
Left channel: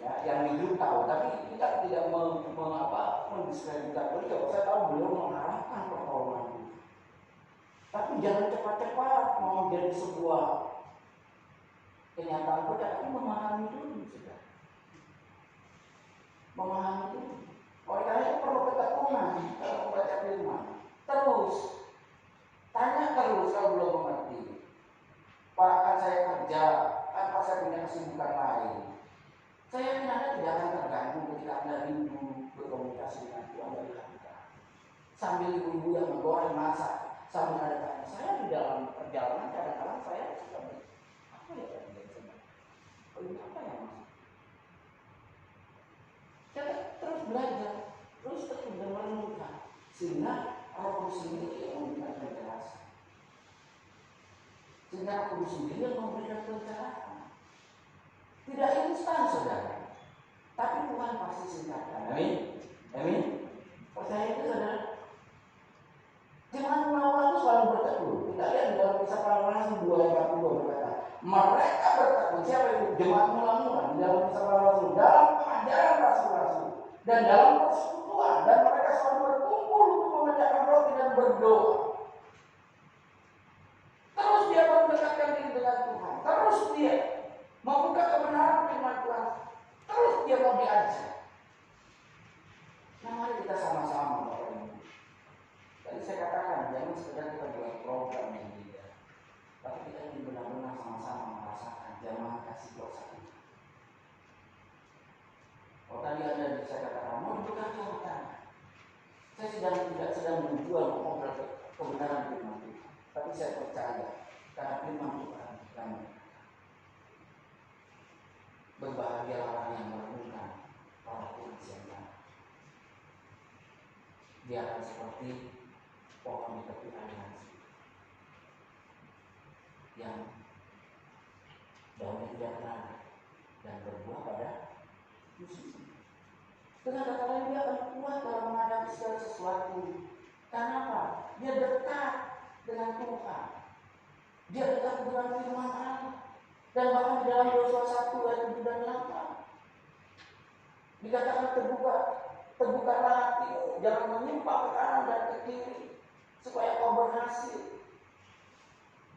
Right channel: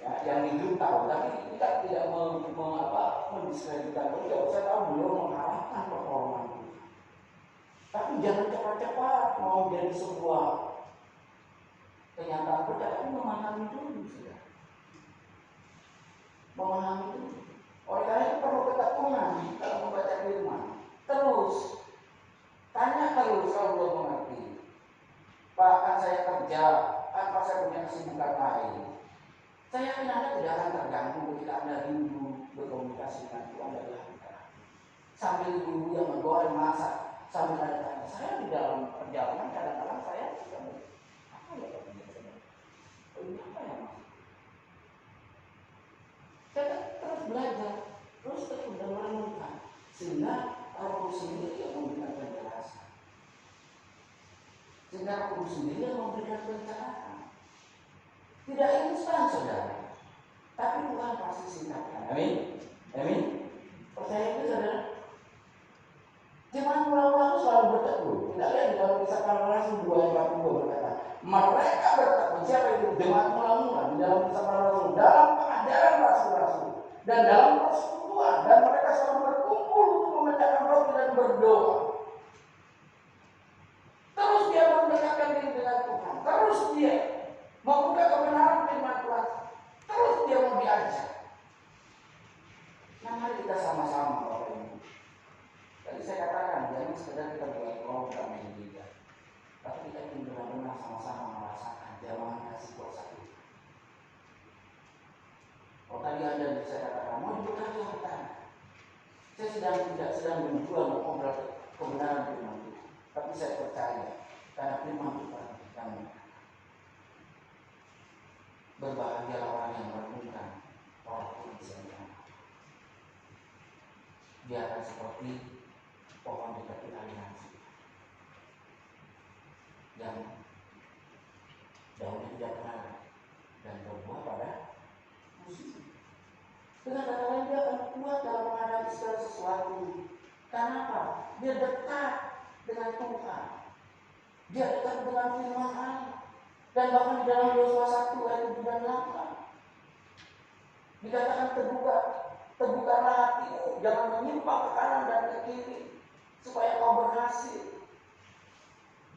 Ya, yang hidup tahu, tapi kita tidak mendiskreditkan beliau. Saya tahu beliau mengarahkan pertolongan Tuhan. Tapi jangan cepat-cepat mau jadi sebuah kenyataan percaya, tapi memahami dulu sudah. Memahami dulu. Oleh karena itu perlu ketekunan dalam membaca firman. Terus tanya terus kalau belum mengerti. Pak, kan saya kerja, apa saya punya kesibukan lain. Saya yakin Anda tidak akan terganggu ketika Anda rindu berkomunikasi dengan Tuhan dari hati. Sambil ibu-ibu yang menggoreng masak, sambil tanya-tanya. Saya di dalam perjalanan kadang-kadang saya suka apa ya Pak biasanya? Oh ini apa ya Mas? Saya terus belajar, terus merenungkan, sehingga Roh Kudus sendiri yang memberikan penjelasan. Sehingga Roh Kudus sendiri yang memberikan pencerahan. Tidak instan saudara, tapi Tuhan pasti singkatkan. Amin. Amin. Percaya itu saudara. Jemaat mula-mula itu selalu bertekun. Kita lihat di dalam kisah para rasul 2:42 berkata, mereka bertekun. Siapa itu? Jemaat mula-mula di dalam kisah para rasul, dalam pengajaran rasul-rasul dan dalam persekutuan, dan mereka selalu berkumpul untuk memecahkan roti dan berdoa. kita sama-sama Bapak Ibu. Tadi saya katakan jangan sekedar kita buat program yang beda, tapi kita ingin benar-benar sama-sama merasakan jamaah kasih kuasa Tuhan. Oh tadi ada saya katakan mau bekerja bukan? Saya tidak sedang menjual mengobrol kebenaran firman Tuhan, tapi saya percaya karena firman Tuhan yang berbahagia orang yang merenungkan Roh Tuhan siang. Dia akan seperti pohon di tepi aliansi yang daunnya tidak kena dan berbuah pada musim. Dengan kata lain dia akan kuat dalam menghadapi segala sesuatu. Kenapa? Dia dekat dengan Tuhan. Dia dekat dengan firman Allah. Dan bahkan di dalam Yosua 1 ayat 7 dan 8 dikatakan terbukalah hatimu, jangan menyimpang ke kanan dan ke kiri, supaya kau berhasil.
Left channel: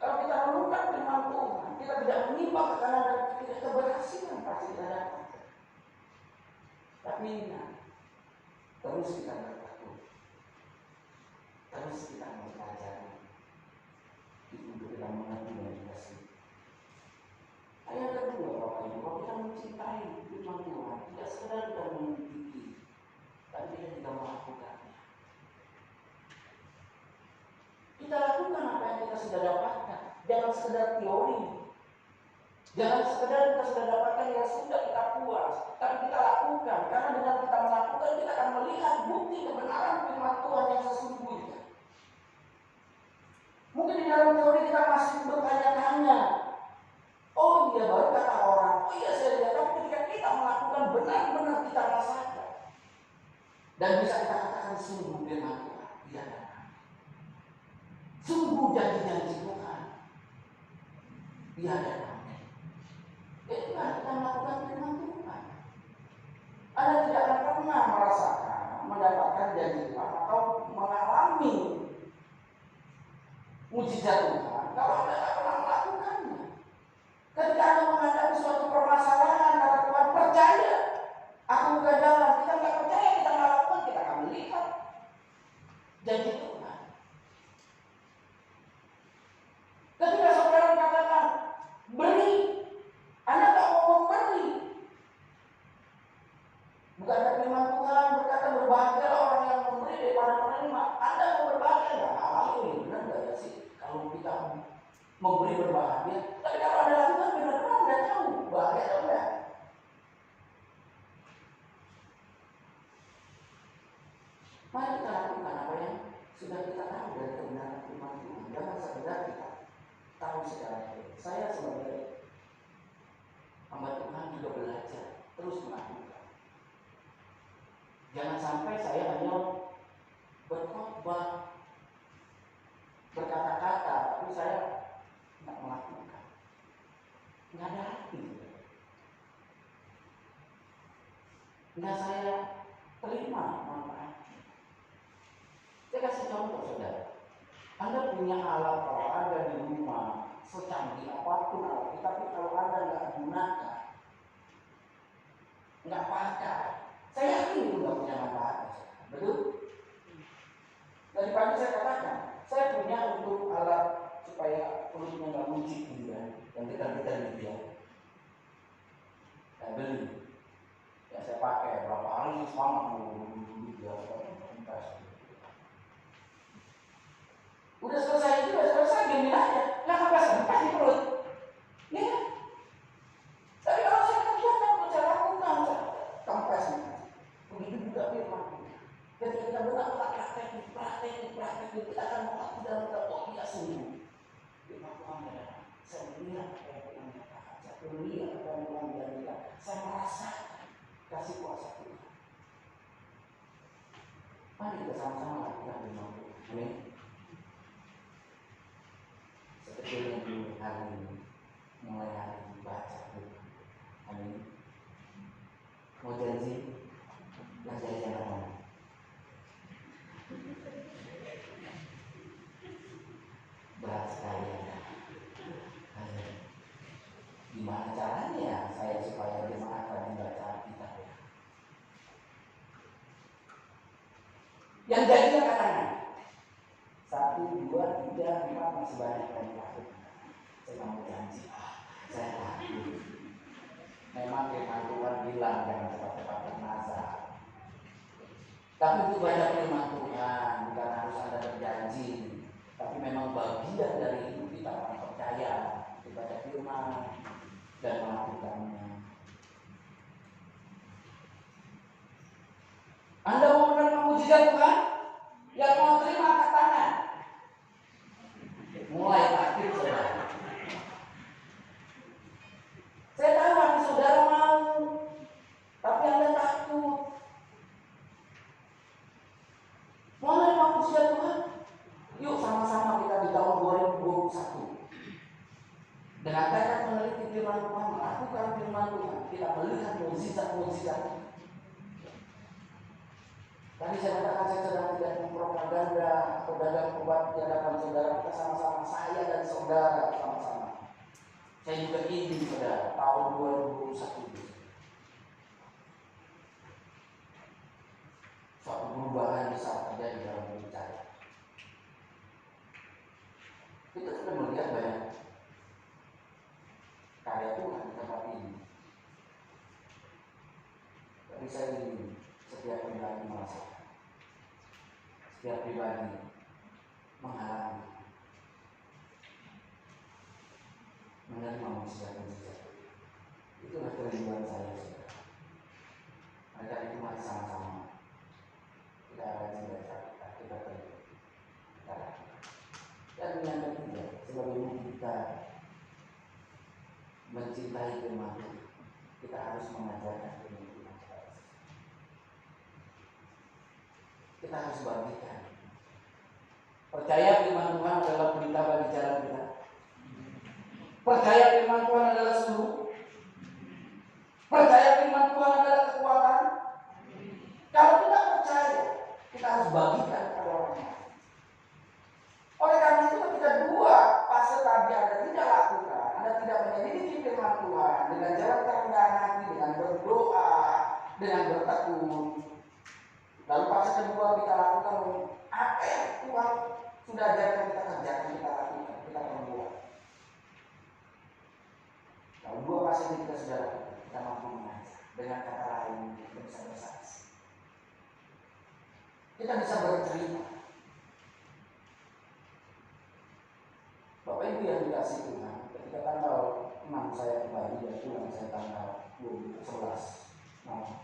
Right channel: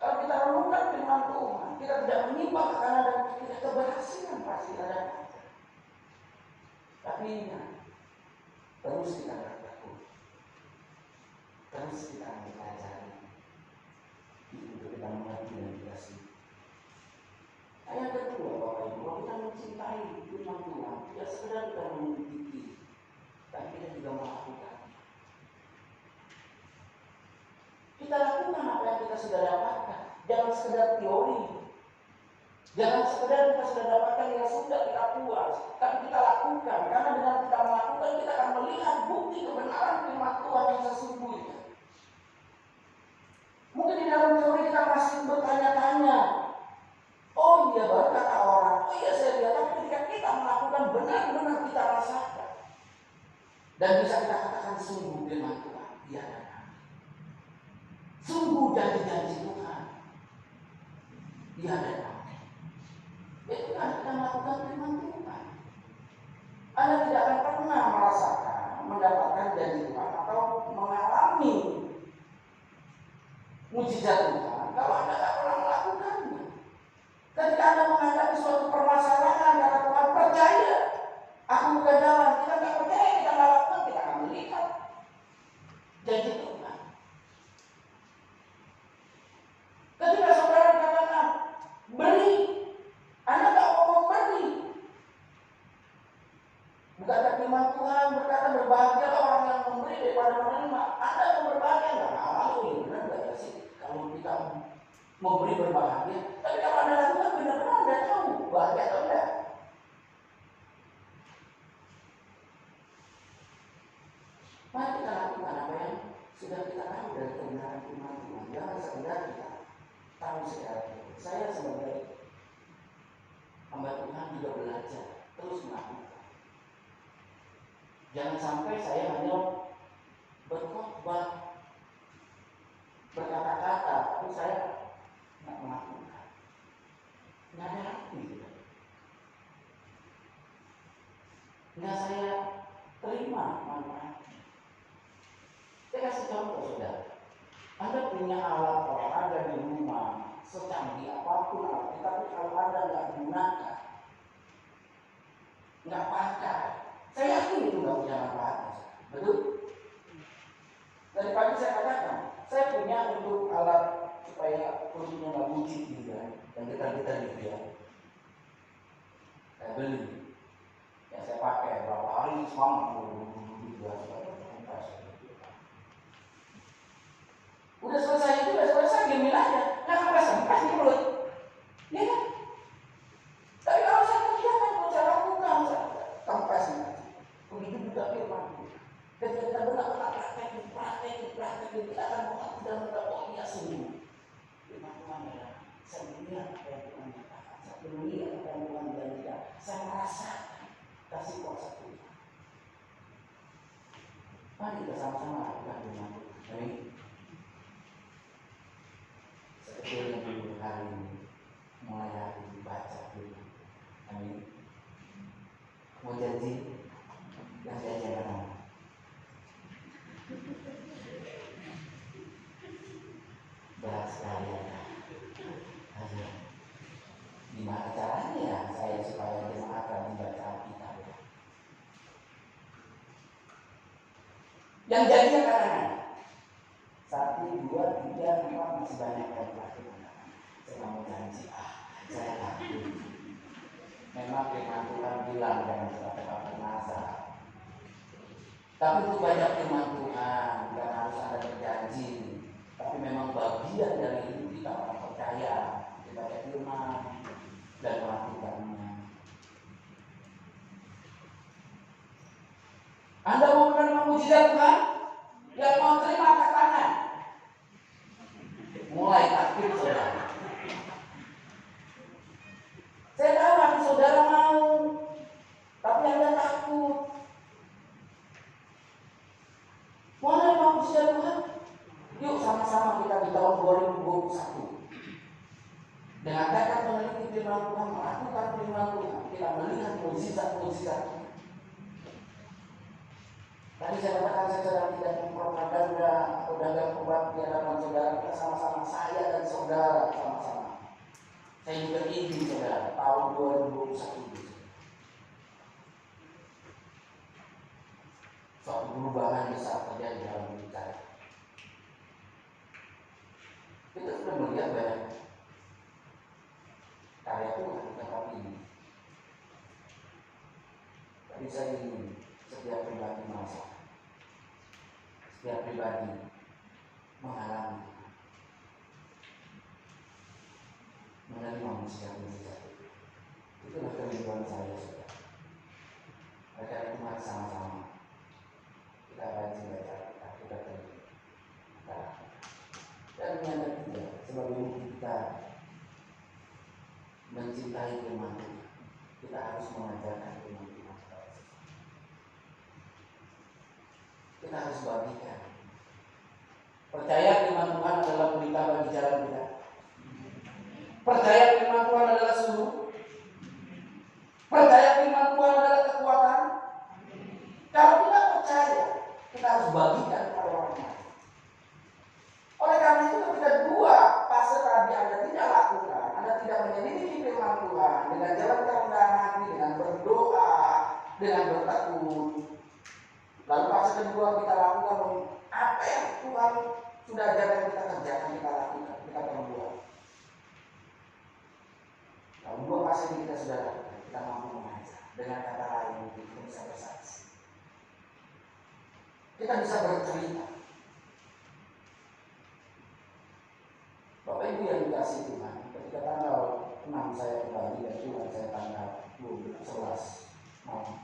Kalau kita renungkan firman Tuhan, kita tidak menyimpang ke kanan dan ke kiri, keberhasilan pasti ada. Tapi ingat, terus kita bertekun, terus kita mempelajari untuk kita mengerti dan dikasih. Yang kedua, Bapak Ibu, kalau kita mencintai firman Tuhan, tidak sekedar kita mengikuti, tapi kita juga melakukannya. Kita lakukan apa yang kita sudah dapatkan, jangan sekedar teori, jangan sekedar kita sudah dapatkan yang sudah kita puas, tapi kita lakukan. Karena dengan kita melakukan, kita akan melihat bukti kebenaran firman Tuhan yang sesungguhnya. Mungkin di dalam teori kita masih bertanya-tanya. Oh iya, baru kata orang, oh iya saya lihat, tapi ketika kita melakukan benar-benar kita rasakan. Dan bisa kita katakan sungguh firman Tuhan, iya dan amin. Sungguh janji-janji Tuhan, iya dan amin. Itu kan kita melakukan firman Tuhan. Anda tidak akan pernah merasakan, mendapatkan janji Tuhan atau mengalami mujizat Tuhan kalau Anda tidak pernah melakukannya. Ketika Anda menghadapi suatu permasalahan, kata Tuhan, percaya, aku buka jalan. Kita nggak percaya, kita nggak lakukan, kita akan melihat janji Tuhan. Ketika saudara katakan beri, Anda nggak mau beri. Bukankah firman Tuhan berkata berbahagia orang yang memberi daripada menerima? Anda yang berbahagia nggak? Ini benar nggak ya sih? Kalau kita memberi berbahagia, tapi kalau Anda lakukan benar-benar Anda tahu bahagia atau enggak. Mari kita lakukan apa yang sudah kita tahu dari kebenaran firman Tuhan. Jangan sekedar kita tahu secara teori. Saya sebagai hamba Tuhan juga belajar terus melakukan. Jangan sampai saya hanya berkhotbah, berkata-kata, tapi saya nggak melakukan. Nggak ada hati. Nggak saya terima manfaatnya. Saya kasih contoh saudara. Anda punya alat olahraga di rumah, secanggih apapun alat, tapi kalau Anda nggak gunakan, nggak pakai, saya yakin itu nggak punya manfaat. Betul? Tadi pagi saya katakan, saya punya untuk alat supaya perutnya nggak buncit juga, yang kita gitu ya. Saya beli, ya saya pakai berapa hari semangat udah selesai itu, udah selesai, diamin aja. Nah, kempes di mulut. Iya kan? Tapi kalau saya kerjakan, kalau saya lakukan, kempes. Begitu juga firman. Ketika kita benar-benar praktek, kita akan mengerti dan mengatakan, oh iya sungguh. Firman Tuhan adalah, saya melihat apa yang Tuhan nyatakan, saya melihat apa yang Tuhan janjikan, saya merasakan kasih kuasa Tuhan. Mari kita sama-sama lakukan firman Tuhan. Amin. Seperti yang hari ini, mulai hari ini baca Tuhan. Amin. Mau janji? Yang janji apa? Berat sekali ya. Gimana caranya saya supaya jemaat rajin baca Alkitab ya? Yang jadi anak-anak 1, 2, 3, 4 masih banyak yang lakukan. Saya nggak mau janji, saya takut. Memang firman Tuhan bilang jangan cepat-cepat bernazar. Tapi itu banyak firman Tuhan, bukan harus ada berjanji. Tapi memang bagian dari hidup kita orang percaya, dibaca firman dan melakukannya. Anda mau menerima mujizat Tuhan? Yang mau terima angkat tangan. Mulai takdir saudara. Saya tahu hati saudara mau, tapi Anda takut. Mau menerima mujizat Tuhan? Yuk sama-sama kita di tahun 2021 dengan tekad meneliti firman Tuhan, melakukan firman Tuhan, kita melihat mujizat-mujizat. Tadi saya katakan saya sedang tidak mempropaganda atau dagang obat di hadapan saudara. Kita sama-sama, saya dan saudara sama-sama. Saya juga ingin saudara tahun 2021 ini suatu perubahan besar terjadi dalam hidup saya. Kita sudah melihat banyak karya Tuhan di tempat ini. Tapi saya ingin setiap pribadi merasa, setiap pribadi mengalami menerima mujizat-mujizat. Itulah kerinduan saya, saudara. Oleh karena itu mari sama-sama kita rajin baca, kita terima. Dan yang ketiga, sebagai kita mencintai firman Tuhan, kita harus mengajarkan firman Tuhan kepada sesama. Kita harus bagikan. Percaya firman Tuhan adalah pelita bagi jalan kita. Percaya firman Tuhan adalah suluh. Percaya firman Tuhan adalah kekuatan. Kalau kita percaya, kita harus bagikan kepada orang lain. Oleh karena itu ketika dua fase tadi Anda tidak lakukan, Anda tidak menyelidiki firman Tuhan dengan jalan kerendahan hati, dengan berdoa, dengan bertekun. Lalu fase kedua kita lakukan apa yang Tuhan sudah ajarkan kita kerjakan, kita lakukan, kita perbuat. Kalau dua fase ini kita sudah lakukan, kita mampu mengajar. Dengan kata lain kita bisa bersaksi, kita bisa bercerita. Bapak Ibu yang dikasih Tuhan, ketika tanggal 6 saya kembali dan pulang saya tanggal 11 malam.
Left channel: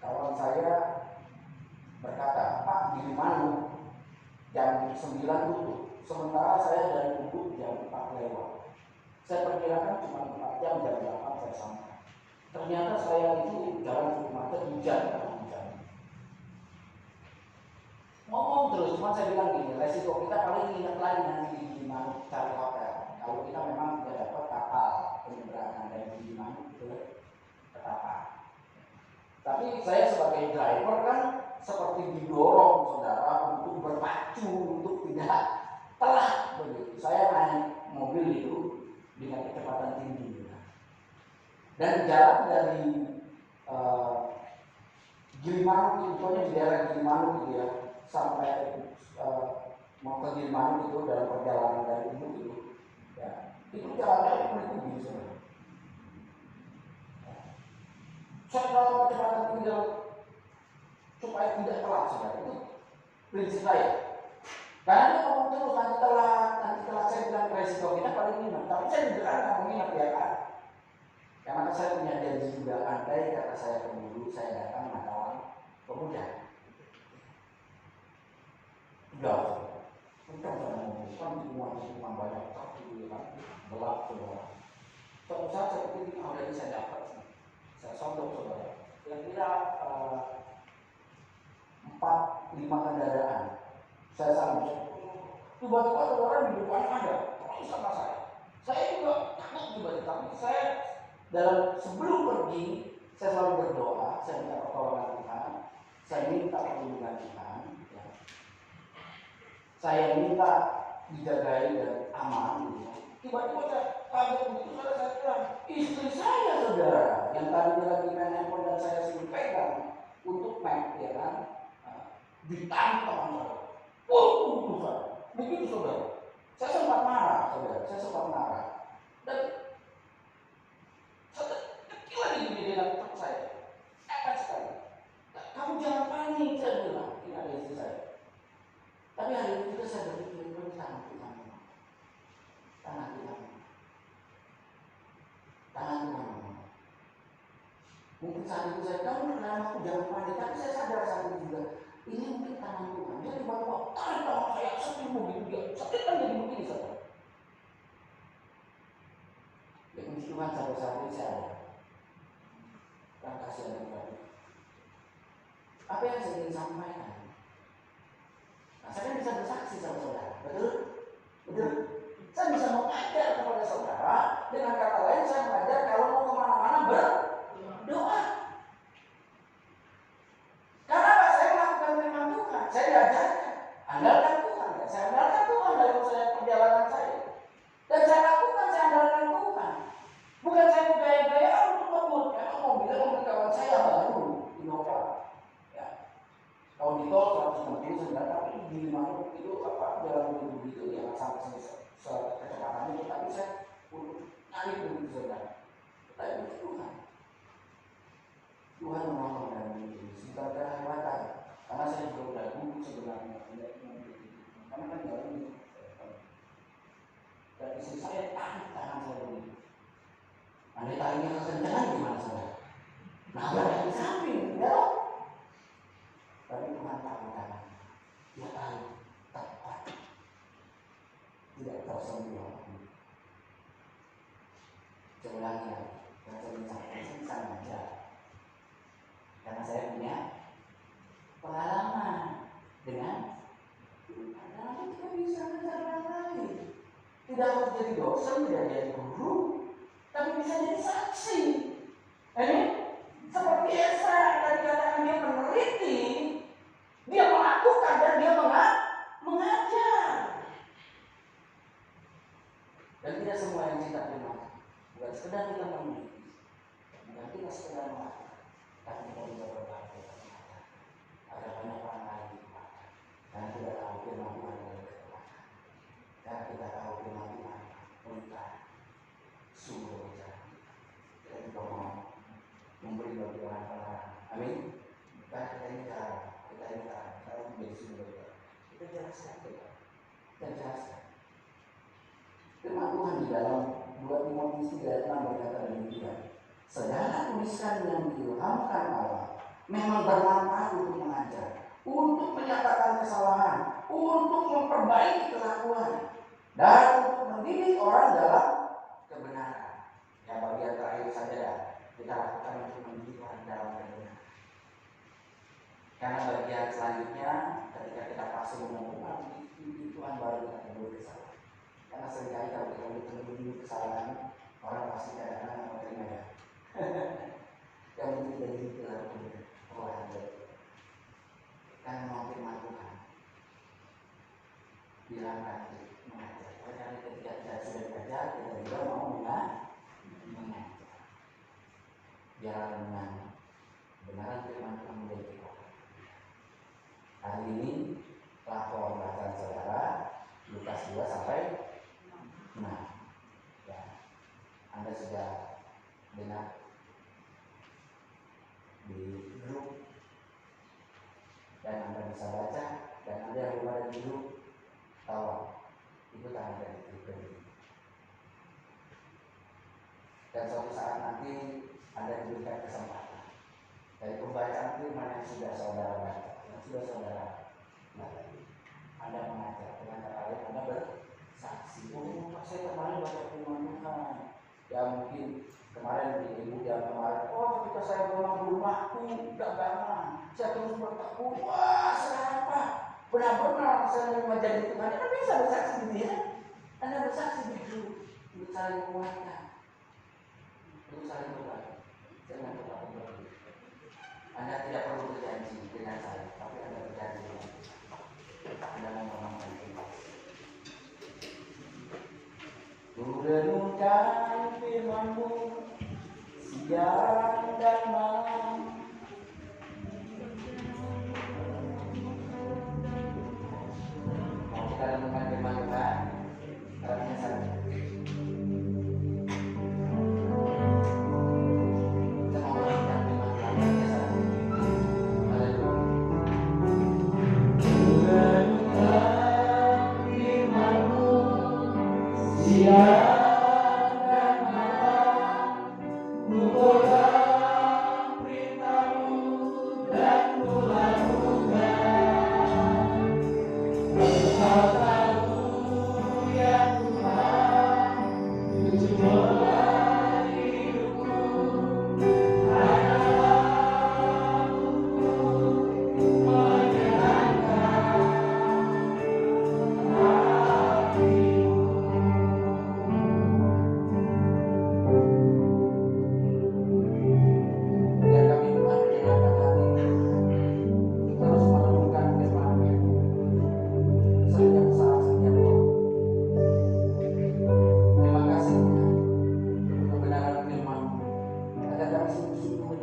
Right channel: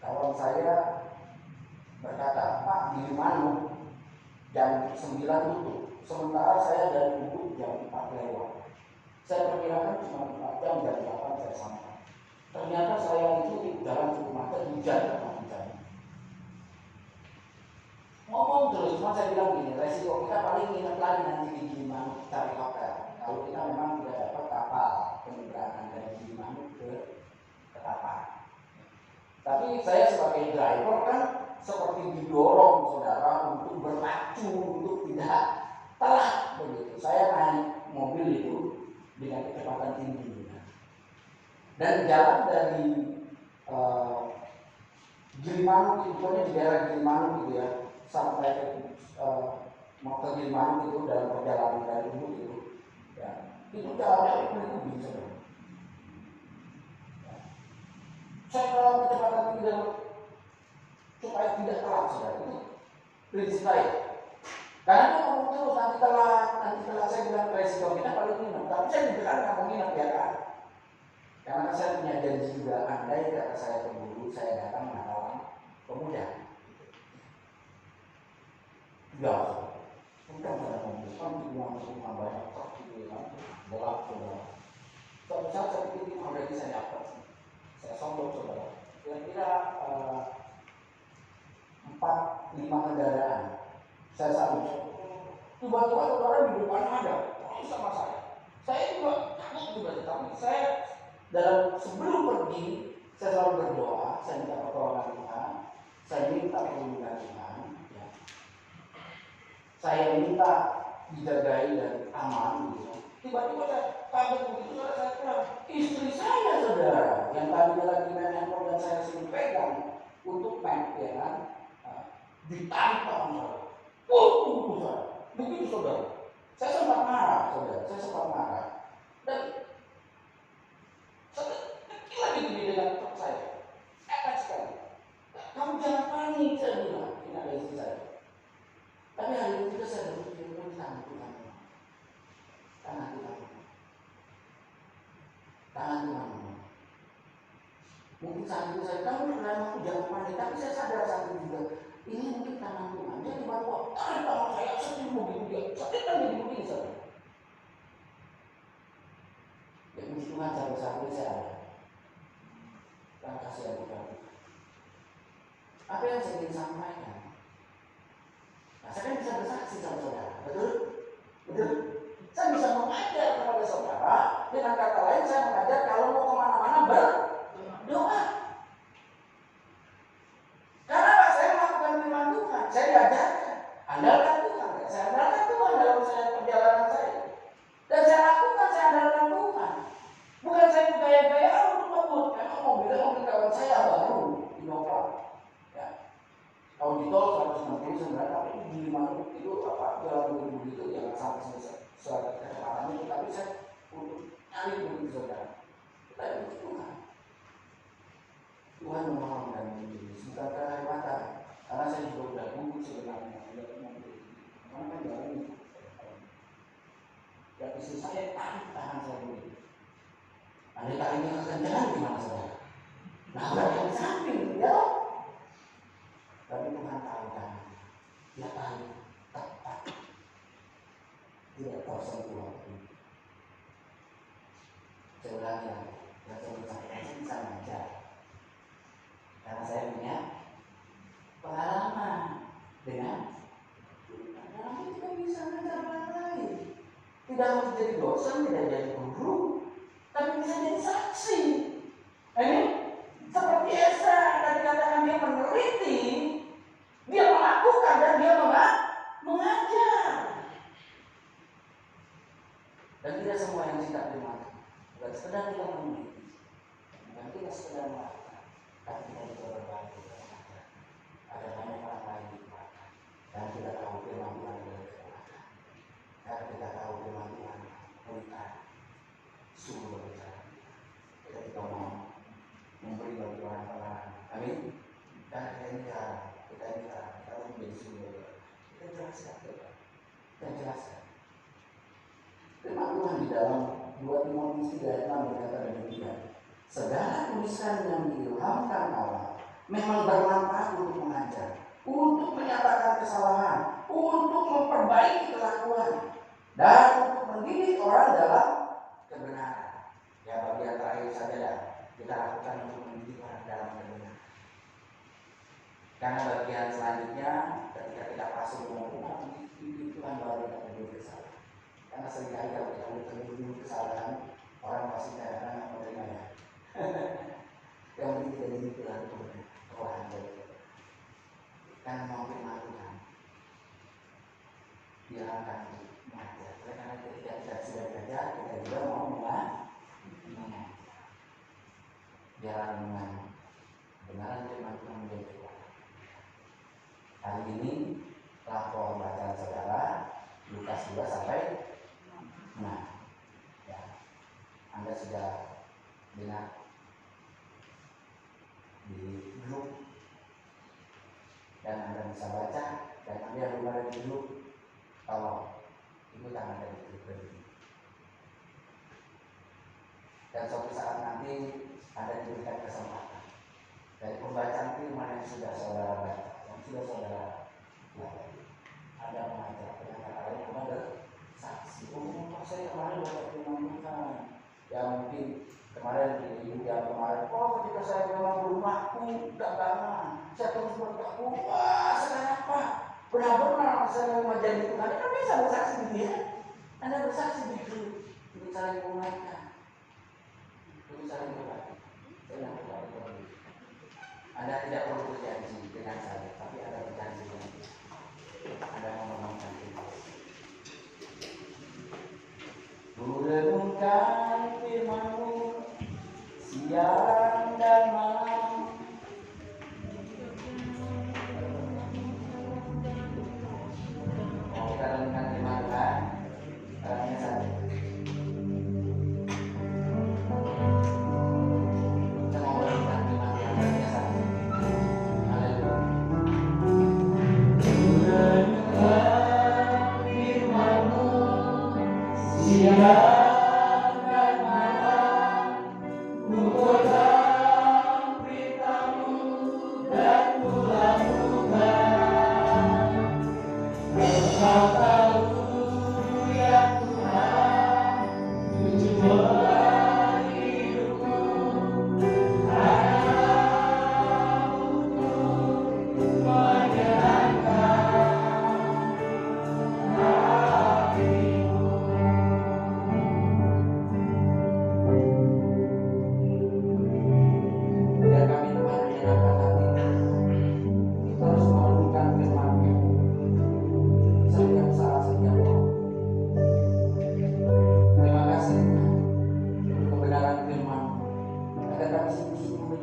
Kawan saya berkata, Pak, di Manu jam 9 tutup, sementara saya dari Ubud jam 4 lewat. Saya perkirakan cuma 4 jam, jam 8 saya sampai. Ternyata saya itu jalan cukup macet, hujan. Ngomong terus, cuma saya bilang gini, resiko kita paling nginep lagi nanti di Gilimanuk cari hotel. Kalau kita memang tidak dapat kapal penyeberangan dari Gilimanuk ke Ketapang. Tapi saya sebagai driver kan seperti didorong saudara untuk berpacu, untuk tidak telat begitu. Saya naik mobil itu dengan kecepatan tinggi. Dan jalan dari Gilimanuk itu di daerah Gilimanuk gitu ya, sampai mau ke Gilimanuk itu dalam perjalanan dari Ubud itu, ya, itu jalannya berkubi sebenarnya. Saya kalau kecepatan tinggi supaya tidak telat saudara, itu prinsip saya. Karena dia ngomong terus nanti telat saya bilang resiko kita paling minum. Tapi saya juga kan nggak menginap ya kan. Karena saya punya janji juga, andai kata saya keburu, saya datang menawan pemuda. Ya, kencang saya ngomong, kan di rumah banyak truk gitu kan, gelap saudara. Suatu saat saya pikir ada yang saya dapat, saya sondok saudara. Kira-kira 4-5 kendaraan. Saya sambut. Tiba-tiba saudara di depan ada, terus sama saya. Saya juga takut juga, tapi saya dalam sebelum pergi, saya selalu berdoa, saya minta pertolongan Tuhan, saya minta perlindungan Tuhan. Saya minta dijagai dan aman gitu. Tiba-tiba saya kaget begitu, saudara, saya bilang, istri saya saudara yang tadi lagi main handphone dan saya suruh pegang, untuk main, ya kan? Ditarik tangan saya. Begitu saudara. Saya sempat marah, saudara. Saya sempat marah. Dan saya kecil lagi dengan tetap saya. Efek sekali. Kamu jangan panik, saya bilang. Ini ada istri saya. Tapi hari itu juga saya berpikir, tangan Tuhan. Tangan Tuhan. Tangan Tuhan. Mungkin saat itu saya, kamu kenapa aku jangan panik. Tapi saya sadar saat itu juga, ini mungkin tangan Tuhan. Dia tiba-tiba tarik tangan saya, seperti begitu dia. Seperti kan jadi begini saja. Ya puji Tuhan sampai saat ini saya ada. Dan kasih dan Tuhan. Apa yang saya ingin sampaikan? Nah, saya kan bisa bersaksi sama saudara, betul? Betul? Saya bisa mengajar kepada saudara. Dengan kata lain, saya mengajar kalau mau kemana-mana berdoa. Karena apa? Saya melakukan firman Tuhan. Saya diajarkan. Andalkan Tuhan. Ya. Saya andalkan Tuhan dalam perjalanan saya. Dan saya lakukan, saya andalkan Tuhan. Bukan saya bergaya-gaya untuk ngebut. Memang mobil kawan saya baru Innova. Ya. Kalau di tol 160 tapi di mana itu apa jalan begitu yang sampai kecepatan itu. Tapi saya untuk nyari begitu saudara. Tapi itu Tuhan. Tuhan menolong dan menjadi bukan kehebatan. Karena saya juga sudah gugup sebenarnya. Karena kan jalan ini. Dan istri saya tarik tangan saya begini. Andai tariknya kekencangan gimana saudara? Nah berada di samping, ya loh. Tapi Tuhan tahu kan, dia tahu tepat, tidak tersentuh waktu. Saya ulangi lagi, yang saya bisa mengajar, karena saya punya pengalaman dengan dalam kita bisa mengajar orang lain. Tidak harus jadi dosen, tidak jadi guru, tapi bisa jadi saksi. Seperti Esra yang dikatakan dia meneliti, dia melakukan dan dia mengajar. Dan tidak semua yang cinta firman bukan sekedar kita meneliti, bukan kita sekedar melakukan, tapi kita juga berbagi mengajar agar banyak orang lain dikuatkan. Dan kita tahu firman Tuhan dari kekuatan. Karena kita tahu firman Tuhan bukan sungguh berbicara. Kita juga mau memberi bagi orang-orang. Amin. Karena kita ini cara, kita menjadi sumber. Kita jelaskan, kita jelaskan. Firman Tuhan di dalam 2 Timotius 3 ayat 6 berkata demikian. Segala tulisan yang diilhamkan Allah memang bermanfaat untuk mengajar, untuk menyatakan kesalahan, untuk memperbaiki kelakuan, dan untuk mendidik orang dalam kebenaran. Ya bagian terakhir saja ya. Kita lakukan untuk mendidik orang dalam kebenaran. Karena bagian selanjutnya ketika kita pasung dengan Tuhan, itu Tuhan baru kita penuhi kesalahan. Karena seringkali kalau kita penuhi kesalahan, orang pasti kadang-kadang mau terima ya. Yang penting kita dididik dalam kebenaran. Karena mau firman Tuhan, diarahkan untuk mengajar. Karena ketika kita sudah belajar, kita juga mau mengajar. Jalan dengan kebenaran firman Tuhan menjadi kekuatan. Hari ini lapor bacaan saudara Lukas 2 sampai 6. Ya, Anda sudah dengar di grup dan Anda bisa baca, dan Anda yang belum ada di grup, tolong ikutan dari grup ini. Dan suatu saat nanti Anda diberikan kesempatan dari pembacaan firman yang sudah saudara baca, yang sudah saudara baca. Anda mengajar dengan kata lain, Anda bersaksi. Oh, Pak, saya kemarin baca firman Tuhan. Ya mungkin kemarin di ibu yang kemarin, ketika saya memang rumahku dagangan, saya terus bertakwa. Wah, sekarang Pak, benar-benar saya mau menjadi Tuhan. Anda bisa bersaksi gitu ya? Anda bersaksi gitu, untuk saling menguatkan, untuk saling berbagi. Jangan berbagi. Anda tidak perlu berjanji dengan saya, tapi Anda berjanji dengan kita. Anda mengomongkan itu. Kurenungkan firman-Mu siang dan malam,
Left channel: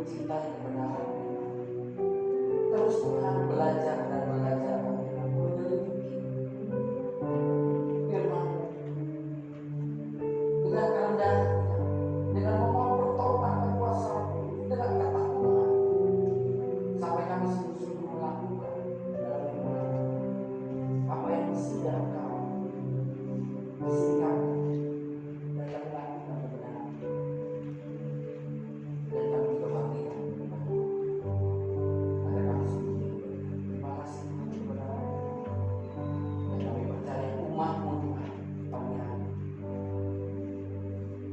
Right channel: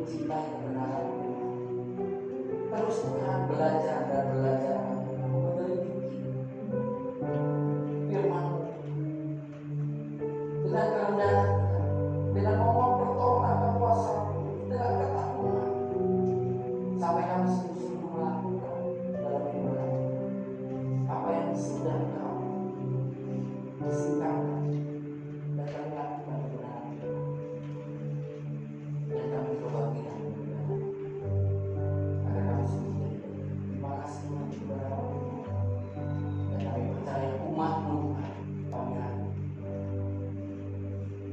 mencintai kebenaran firman. Terus Tuhan belajar dan belajar menyelidiki firman dengan kerendahan, dengan memohon pertolongan akan kuasa, dengan ketakutan, sampai kami sungguh-sungguh melakukan dalam hidup kami apa yang sudah Engkau singkapkan, dan kami lakukan kebenaran itu, dan kami juga bagian kebenaran, agar kami sungguh jadi bagian. Terima kasih Tuhan kebenaran, dan kami percaya umat-Mu Tuhan pagi hari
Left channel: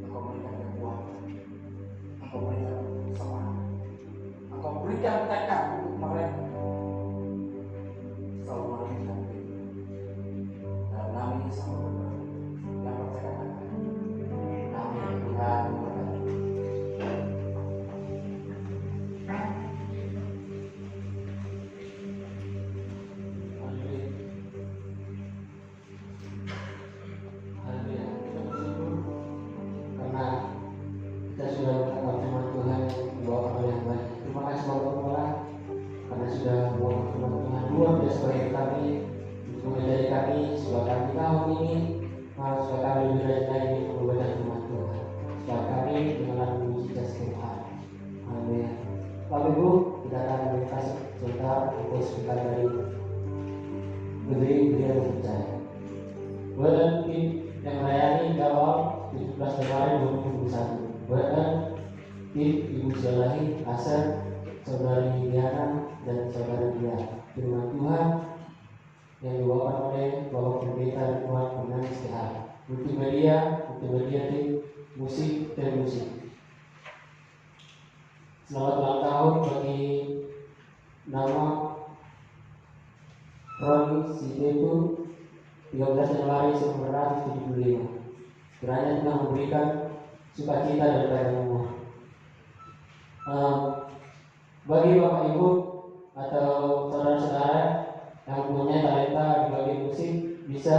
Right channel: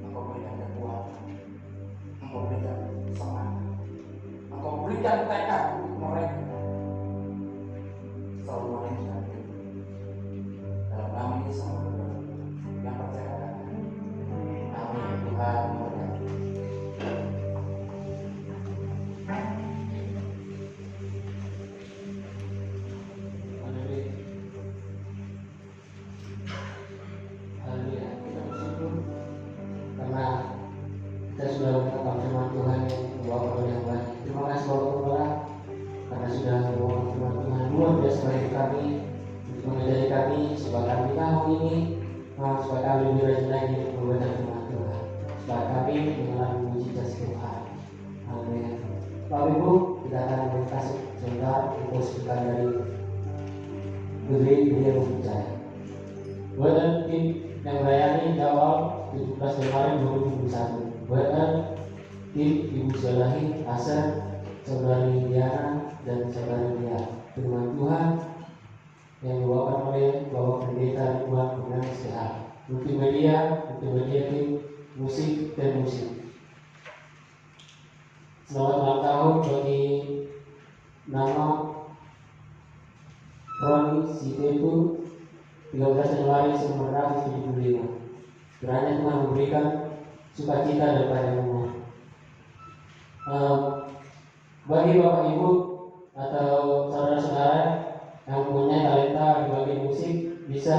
Engkau berikan kekuatan, Engkau berikan semangat, Engkau berikan tekad untuk mereka selalu merindukan Tuhan. Dalam nama Yesus yang percaya katakan amin. Tuhan memberkati. Haleluya. Haleluya. Kita bersyukur karena kita sudah mendapat firman Tuhan yang dibawakan oleh yang baik. Terima kasih Bapak Kepala karena sudah membawa firman Tuhan luar biasa bagi kami untuk mengajari kami supaya kami tahun ini supaya kami lebih rajin lagi untuk membaca firman Tuhan, supaya kami mengalami mujizat Tuhan. Amin. Bapak Ibu, kita akan berkasih sebentar untuk sebentar dari Beliau percaya. Badan tim yang melayani awal 17 Februari 2021. Badan tim Ibu Syalahi, Hasan, Saudari Diana, dan Saudari Dia. Firman Tuhan yang dibawakan oleh Bapak Pendeta Ridwan Purnama SPH. Multimedia tim musik dan musik. Selamat ulang tahun bagi nama Roni Sitepu 13 Januari 1975. Kiranya Tuhan memberikan sukacita daripada rumah. Bagi Bapak Ibu atau saudara-saudara yang mempunyai talenta di bagian musik, bisa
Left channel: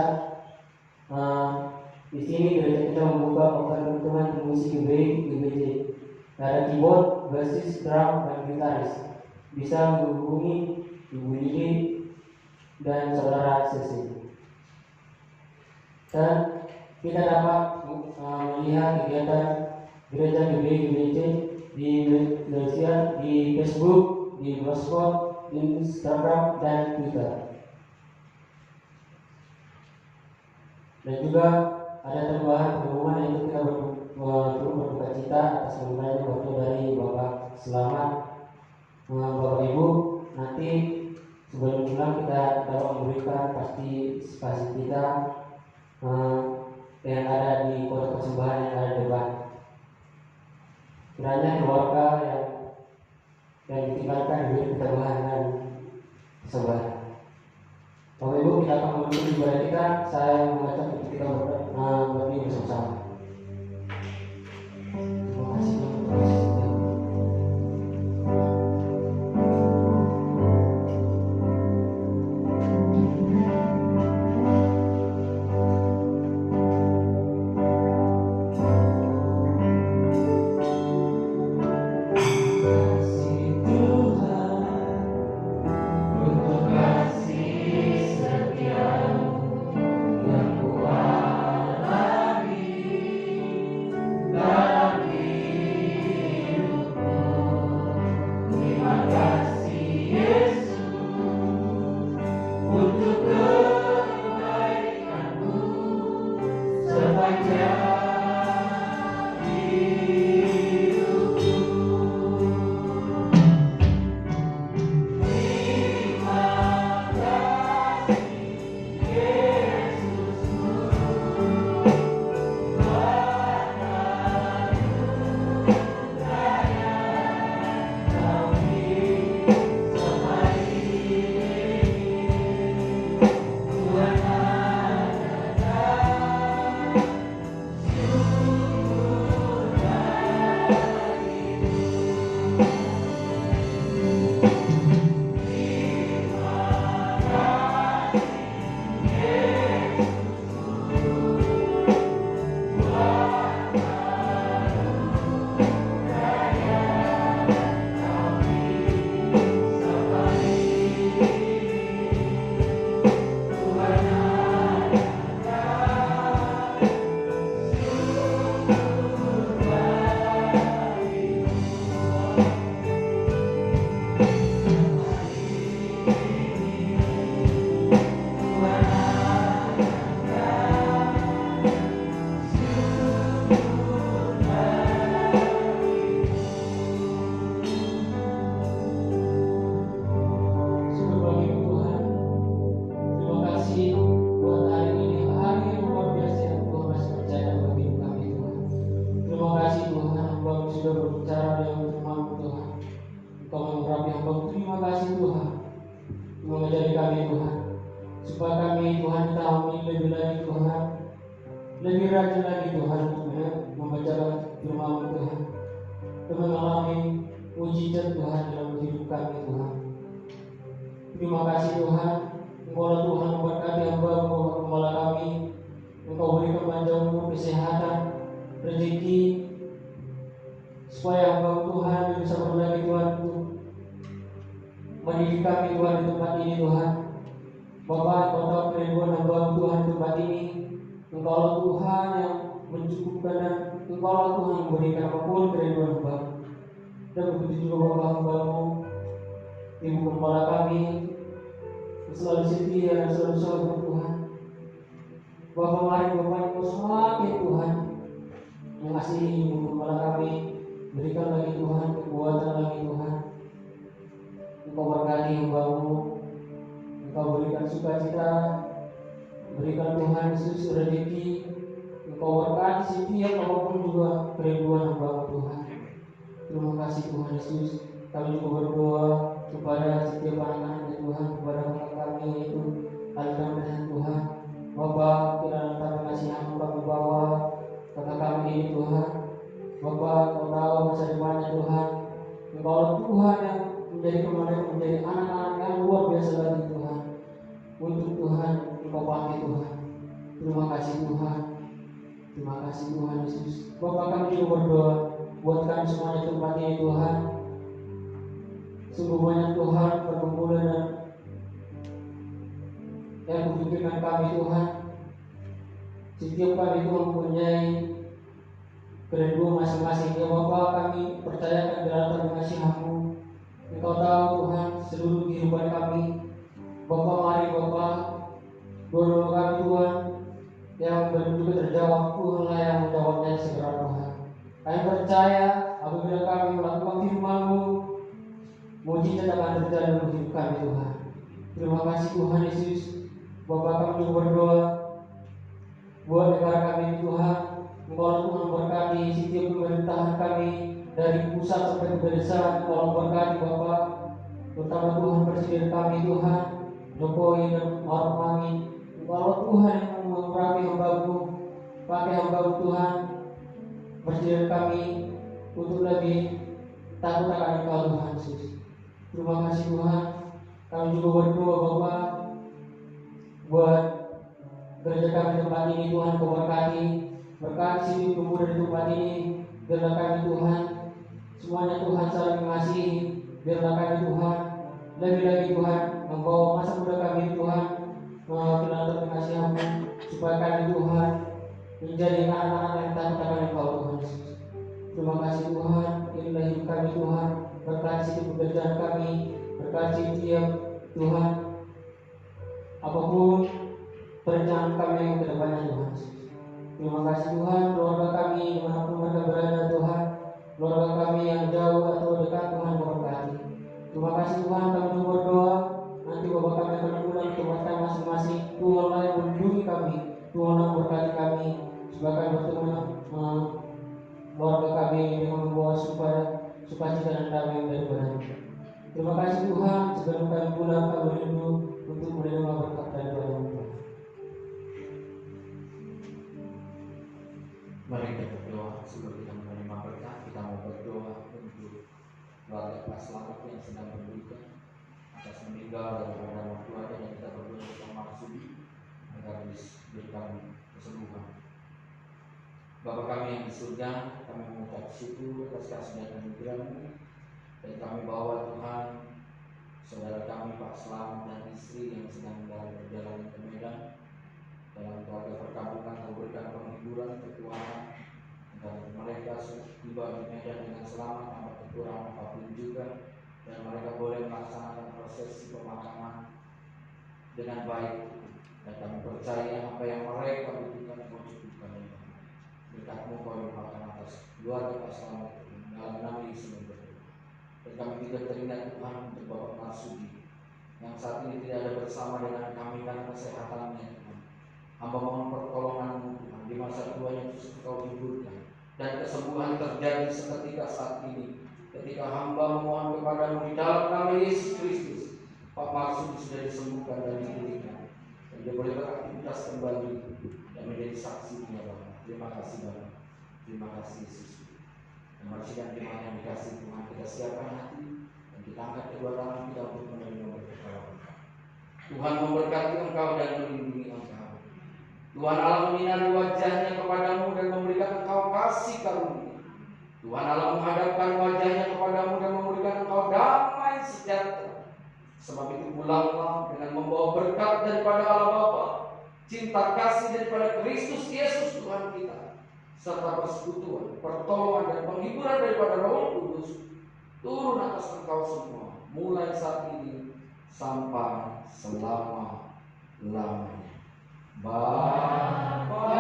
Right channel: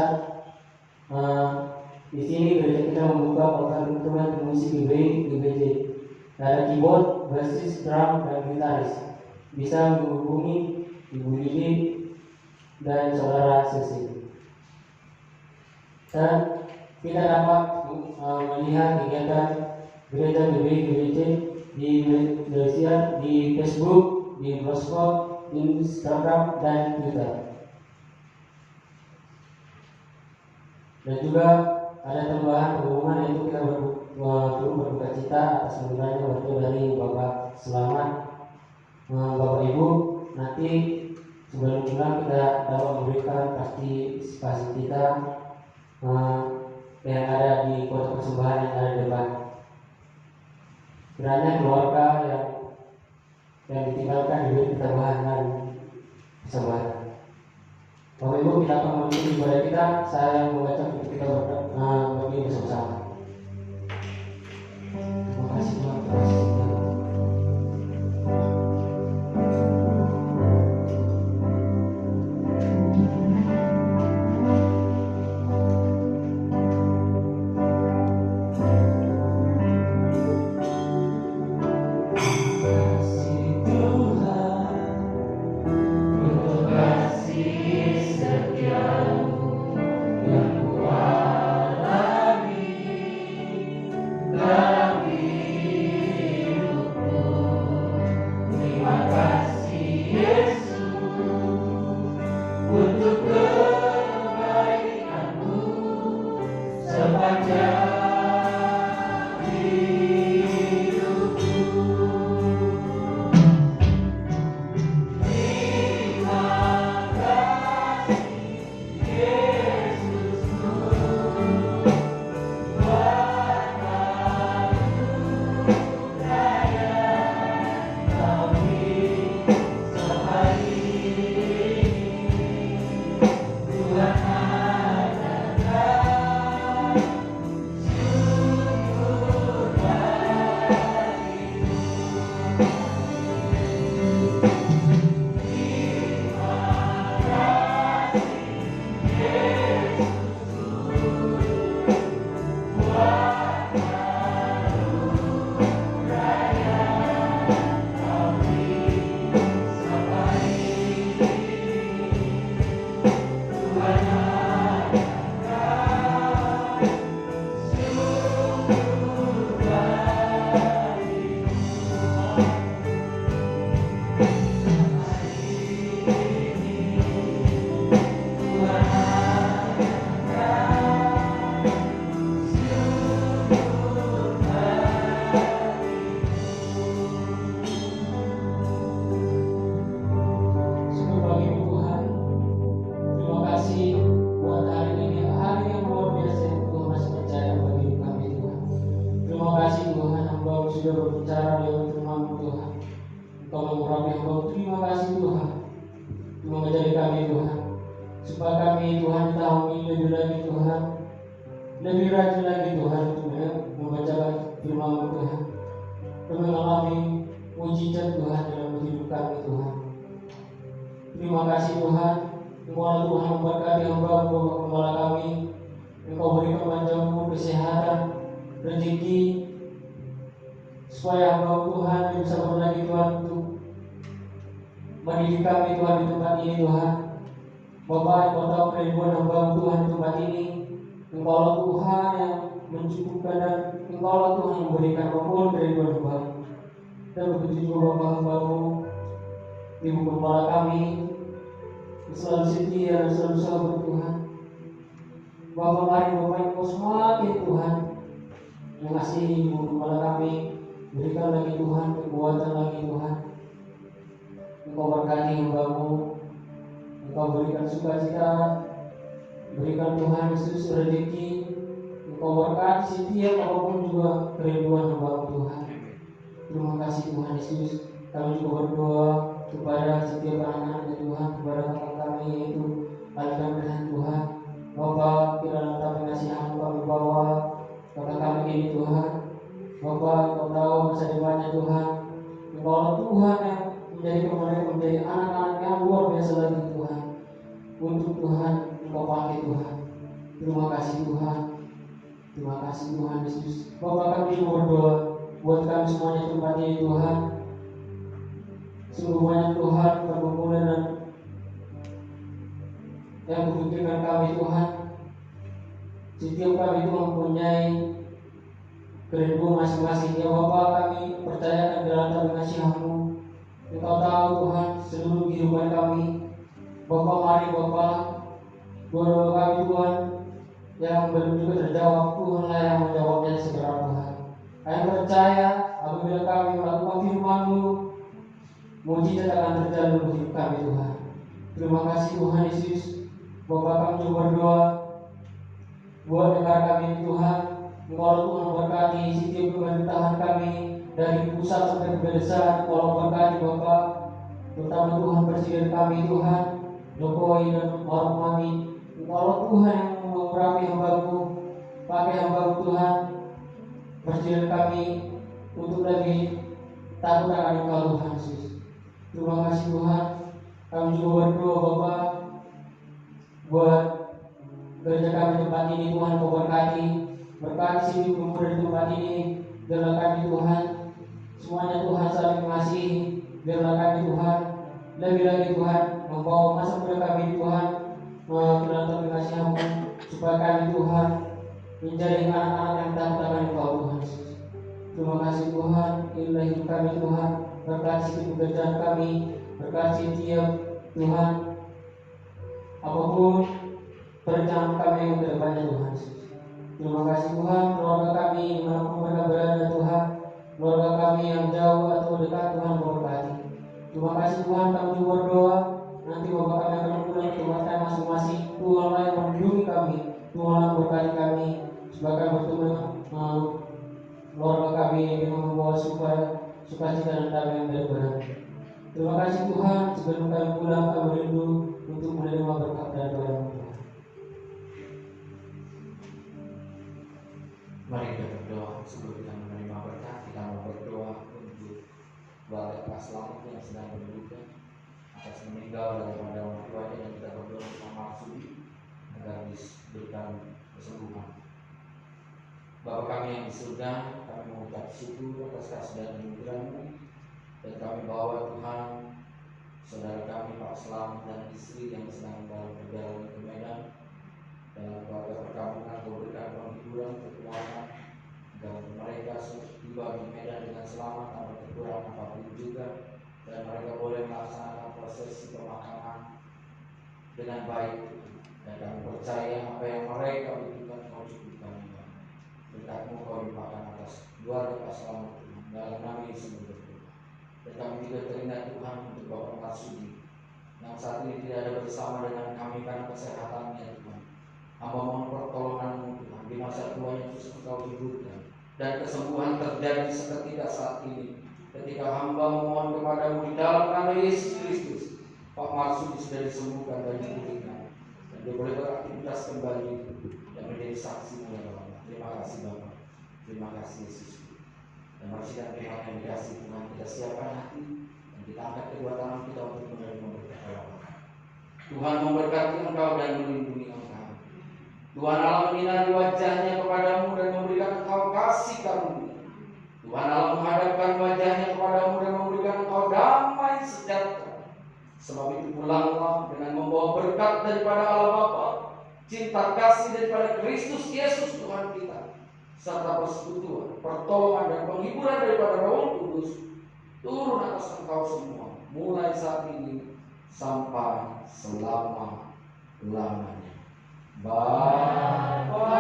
di sini gereja kita membuka program Tuhan musik GBJ. Ada keyboard, bassis, drum, dan gitaris. Bisa menghubungi Ibu Lili dan saudara Sesi. Dan kita dapat melihat kegiatan gereja GBJ di Malaysia, di Facebook, di Blogspot, di Instagram, dan Twitter. Dan juga ada tambahan pengumuman, yaitu kita berduka cita atas meninggalnya waktu dari Bapak Selamat. Bapak Ibu, nanti sebelum pulang kita dapat memberikan partisipasi kita yang ada di kota persembahan yang ada di depan. Kiranya keluarga yang ditinggalkan diberi ketambahan dan kesabaran. Bapak Ibu, kita akan menutup ibadah kita. Saya membaca untuk kita berdiri bersama-sama. Terima kasih Tuhan atas setia. Tuhan mengurapi hamba. Terima kasih Tuhan, Tuhan mengajari kami Tuhan, supaya kami Tuhan tahu lebih lagi Tuhan, lebih rajin lagi Tuhan untuk membacakan firman Tuhan dan mengalami mujizat Tuhan dalam hidup kami Tuhan. Terima kasih Tuhan, Engkau Tuhan memberkati hamba Bapak Gembala kami. Engkau berikan panjang umur, kesehatan, rezeki, supaya hamba Tuhan bisa berbagi Tuhan untuk mendidik kami Tuhan di tempat ini Tuhan. Bapak, Engkau tahu kerinduan hamba Tuhan di tempat ini. Engkau Tuhan yang mencukupkan dan Engkau Tuhan yang memberikan apapun kerinduan hamba. Dan begitu juga Bapak hamba-Mu, Ibu Gembala kami, selalu setia dan selalu sabar Tuhan. Bapak, mari Bapak Engkau semakin Tuhan mengasihi Ibu Gembala kami. Berikan lagi Tuhan kekuatan lagi Tuhan. Engkau berkati hamba-Mu, Engkau berikan sukacita, berikan Tuhan Yesus rezeki. Engkau berkati setiap apapun juga kerinduan hamba-Mu Tuhan. Terima kasih Tuhan Yesus. Kami juga berdoa kepada setiap anak-anak Tuhan, kepada kakak kami yaitu Aldan dan Tuhan. Bapak, di dalam pengasihan kami bawa kakak kami ini Tuhan. Bapak, Engkau tahu masa depannya Tuhan. Engkau Tuhan yang menjadikan mereka menjadi anak-anak yang luar biasa lagi Tuhan. Untuk Tuhan Engkau pakai Tuhan. Terima kasih Tuhan. Terima kasih Tuhan Yesus. Bapak, kami juga berdoa buat kami semuanya tempat ini Tuhan. Sungguh banyak Tuhan pergumulan dan yang memikirkan kami Tuhan. Setiap kami Tuhan mempunyai kerinduan masing-masing. Ya Bapak, kami percayakan dalam tabung kasih-Mu. Engkau tahu Tuhan seluruh kehidupan kami. Bapak, mari Bapak, doa-doa kami Tuhan yang belum juga terjawab, Tuhan lah yang menjawabnya segera Tuhan. Kami percaya apabila kami melakukan firman-Mu, mujizat akan terjadi dalam hidup kami Tuhan. Terima kasih Tuhan Yesus. Bapak, kami berdoa buat negara kami Tuhan. Engkau Tuhan berkati setiap pemerintahan kami dari pusat sampai ke desa. Engkau berkati Bapak, terutama Tuhan Presiden kami Tuhan Jokowi dan Maruf Amin. Engkau Tuhan yang mengurapi hamba-Mu, pakai hamba-Mu Tuhan Presiden kami untuk lebih takut akan Engkau Tuhan Yesus. Terima kasih Tuhan. Kami juga berdoa Bapak buat gereja kami tempat ini Tuhan. Kau berkati sini pemuda di tempat ini. Biarlah kami Tuhan semuanya Tuhan saling mengasihi. Biarlah kami Tuhan lebih lagi Tuhan membawa masa muda kami Tuhan dalam kasih-Mu, supaya kami Tuhan menjadi anak-anak yang takut akan Engkau Tuhan Yesus. Terima kasih Tuhan. Inilah hidup kami Tuhan. Berkati pekerjaan kami, berkati tiap Tuhan apapun perencanaan kami yang kedepannya Tuhan. Terima kasih Tuhan. Keluarga kami dimanapun mereka berada Tuhan, keluarga kami yang jauh atau dekat Tuhan berkati. Terima kasih Tuhan. Kami juga berdoa nanti Bapak kami akan pulang ke tempat masing-masing. Tuhan yang melindungi kami, Tuhan yang berkati kami supaya kami bertemu keluarga kami dengan membawa sukacita dan damai yang daripada. Terima kasih Tuhan. Sebelum kami pulang, kami rindu untuk menerima berkat dan doa Tuhan. Mari kita berdoa. Sebelum kita menerima berkat, kita mau berdoa untuk keluarga Pak Selamat yang sedang berduka atas meninggal daripada orang tuanya, dan kita berdoa untuk Maksudi agar diberikan kesembuhan. Bapa kami yang di surga, kami mengucap syukur atas kasih dan anugerah-Mu, dan kami bawa Tuhan saudara kami Pak Selamat dan istri yang sedang dalam perjalanan ke Medan. Dalam keluarga perkampungan, Kau berikan penghiburan, kekuatan agar mereka tiba di Medan dengan selamat tanpa kekurangan apapun juga, dan mereka boleh melaksanakan prosesi pemakaman dengan baik. Dan kami percaya apa yang mereka butuhkan Kau cukupkan. Berkat-Mu Kau limpahkan atas keluarga Pak Selamat dalam nama Yesus berdoa. Dan kami juga teringat Tuhan untuk Bapak Marsudi yang saat ini tidak ada bersama dengan kami karena kesehatannya Tuhan. Hamba mohon pertolongan-Mu Tuhan, di masa tuanya Yesus Engkau hiburkan, dan kesembuhan terjadi seketika saat ini ketika hamba memohon kepadamu di dalam nama Yesus Kristus, Pak Marsudi sudah disembuhkan dan dipulihkan, dan dia boleh beraktivitas kembali dan menjadi saksi ya Bapak. Terima kasih Bapak, terima kasih Yesus. Dan mari sidang firman yang dikasih Tuhan, kita siapkan hati dan kita angkat kedua tangan kita untuk menerima berkat Allah. Tuhan memberkati engkau dan melindungi engkau. Tuhan Allah menyinari wajahnya kepadamu dan memberikan engkau kasih karunia. Tuhan Allah menghadapkan wajahnya kepadamu dan memberikan engkau damai sejahtera. Sebab itu pulanglah dengan membawa berkat daripada Allah Bapa, cinta kasih daripada Kristus Yesus Tuhan kita, serta persekutuan, pertolongan dan penghiburan daripada Roh Kudus turun atas engkau semua, mulai saat ini sampai selama-lamanya. Bapa